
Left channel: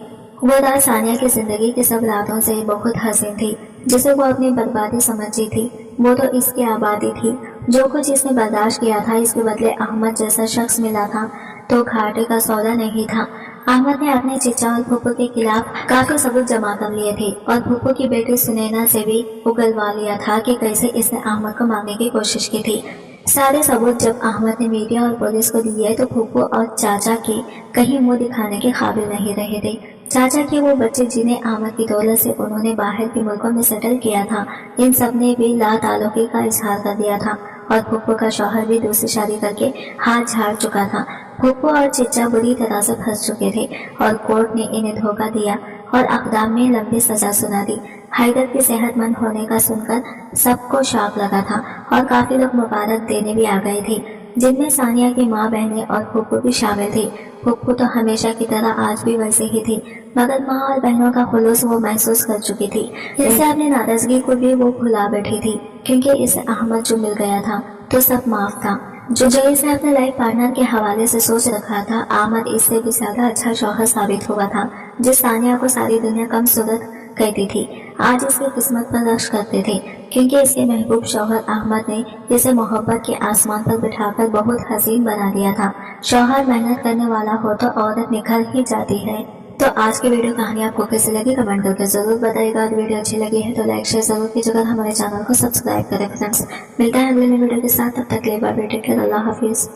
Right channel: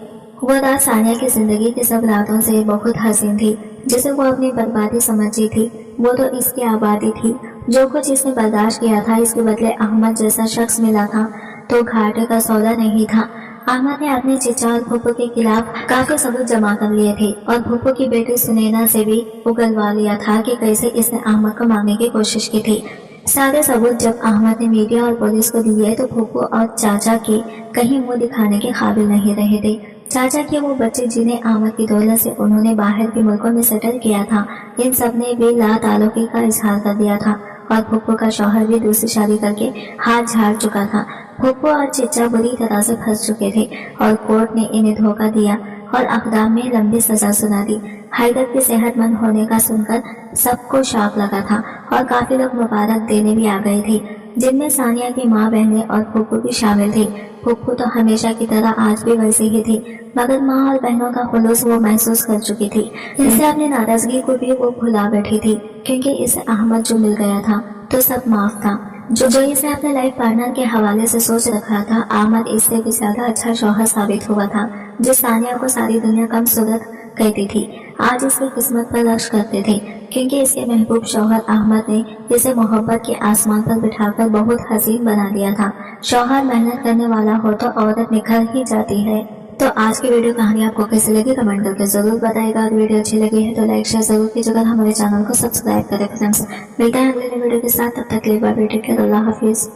वो रात सानिया की जिंदगी की सब रातों से बहुत हसीन थी, जिसे वो अपनी बर्बादी समझी थी। वो तो इसकी आबादी थी। जो कुछ इसने बर्दाश्त किया था, इसके बदले अहमद जैसा शख्स मिला था तो घाटे का सौदा नहीं था। अहमद ने अपने चिचा और फूफू के खिलाफ काफी सबूत जमा कर लिए थे और फूफू की बेटी सुनैना से भी उगलवा लिया था कि कैसे इसने अहमद को मारने की कोशिश की थी। सारे सबूत जब अहमद ने मीडिया और पुलिस को दिए तो फूफू और चाचा के कहीं मुंह दिखाने के काबिल नहीं रहे थे। चाचा के वो बच्चे जिन्हें अहमद की दौलत से उन्होंने बाहर के मुल्कों में सेटल किया था, इन सब ने भी लाताल्लुकी का इजहार कर दिया था और फूफू का शौहर भी दूसरी शादी करके हाथ झाड़ चुका था। फूफू और चिच्चा बुरी तरह से फंस चुके थे और कोर्ट ने इन्हें धोखा दिया और अक़दाम में लंबी सजा सुना दी। हैदर के सेहतमंद होने का सुनकर सबको शौक लगा था और काफी लोग मुबारक देने भी आ गए थे, जिनमें सानिया की माँ, बहनें और फूफू भी शामिल थे। फूफू तो हमेशा की तरह आज भी वैसे ही थे, मगर माँ और बहनों का खुलूस वो महसूस कर चुकी थी। इससे अपनी नाराजगी को भी वो भुला बैठी थी, क्योंकि इसे अहमद जो मिल गया था तो सब माफ था। जो इसे अपने लाइफ पार्टनर के हवाले से सोच रखा था, अहमद इससे भी ज्यादा अच्छा शौहर साबित हुआ था। जिस सानिया को सारी दुनिया कम सूरत कहती थी, आज इसकी किस्मत पर रक्श करते थे, क्योंकि इसके महबूब शौहर अहमद ने इसे मोहब्बत के आसमान पर बिठाकर बहुत हसीन बना दिया था। शौहर मेहनत करने वाला हो तो औरत निखर ही जाती है। तो आज की वीडियो कहानी आपको कैसी लगी कमेंट करके जरूर बताइएगा। अगर वीडियो अच्छी लगी है तो लाइक शेयर जरूर कीजिएगा, हमारे चैनल को सब्सक्राइब करें। फ्रेंड्स, मिलता है अगले वीडियो के साथ, तब तक के लिए बाय बाय, टेक केयर, अल्लाह हाफिज।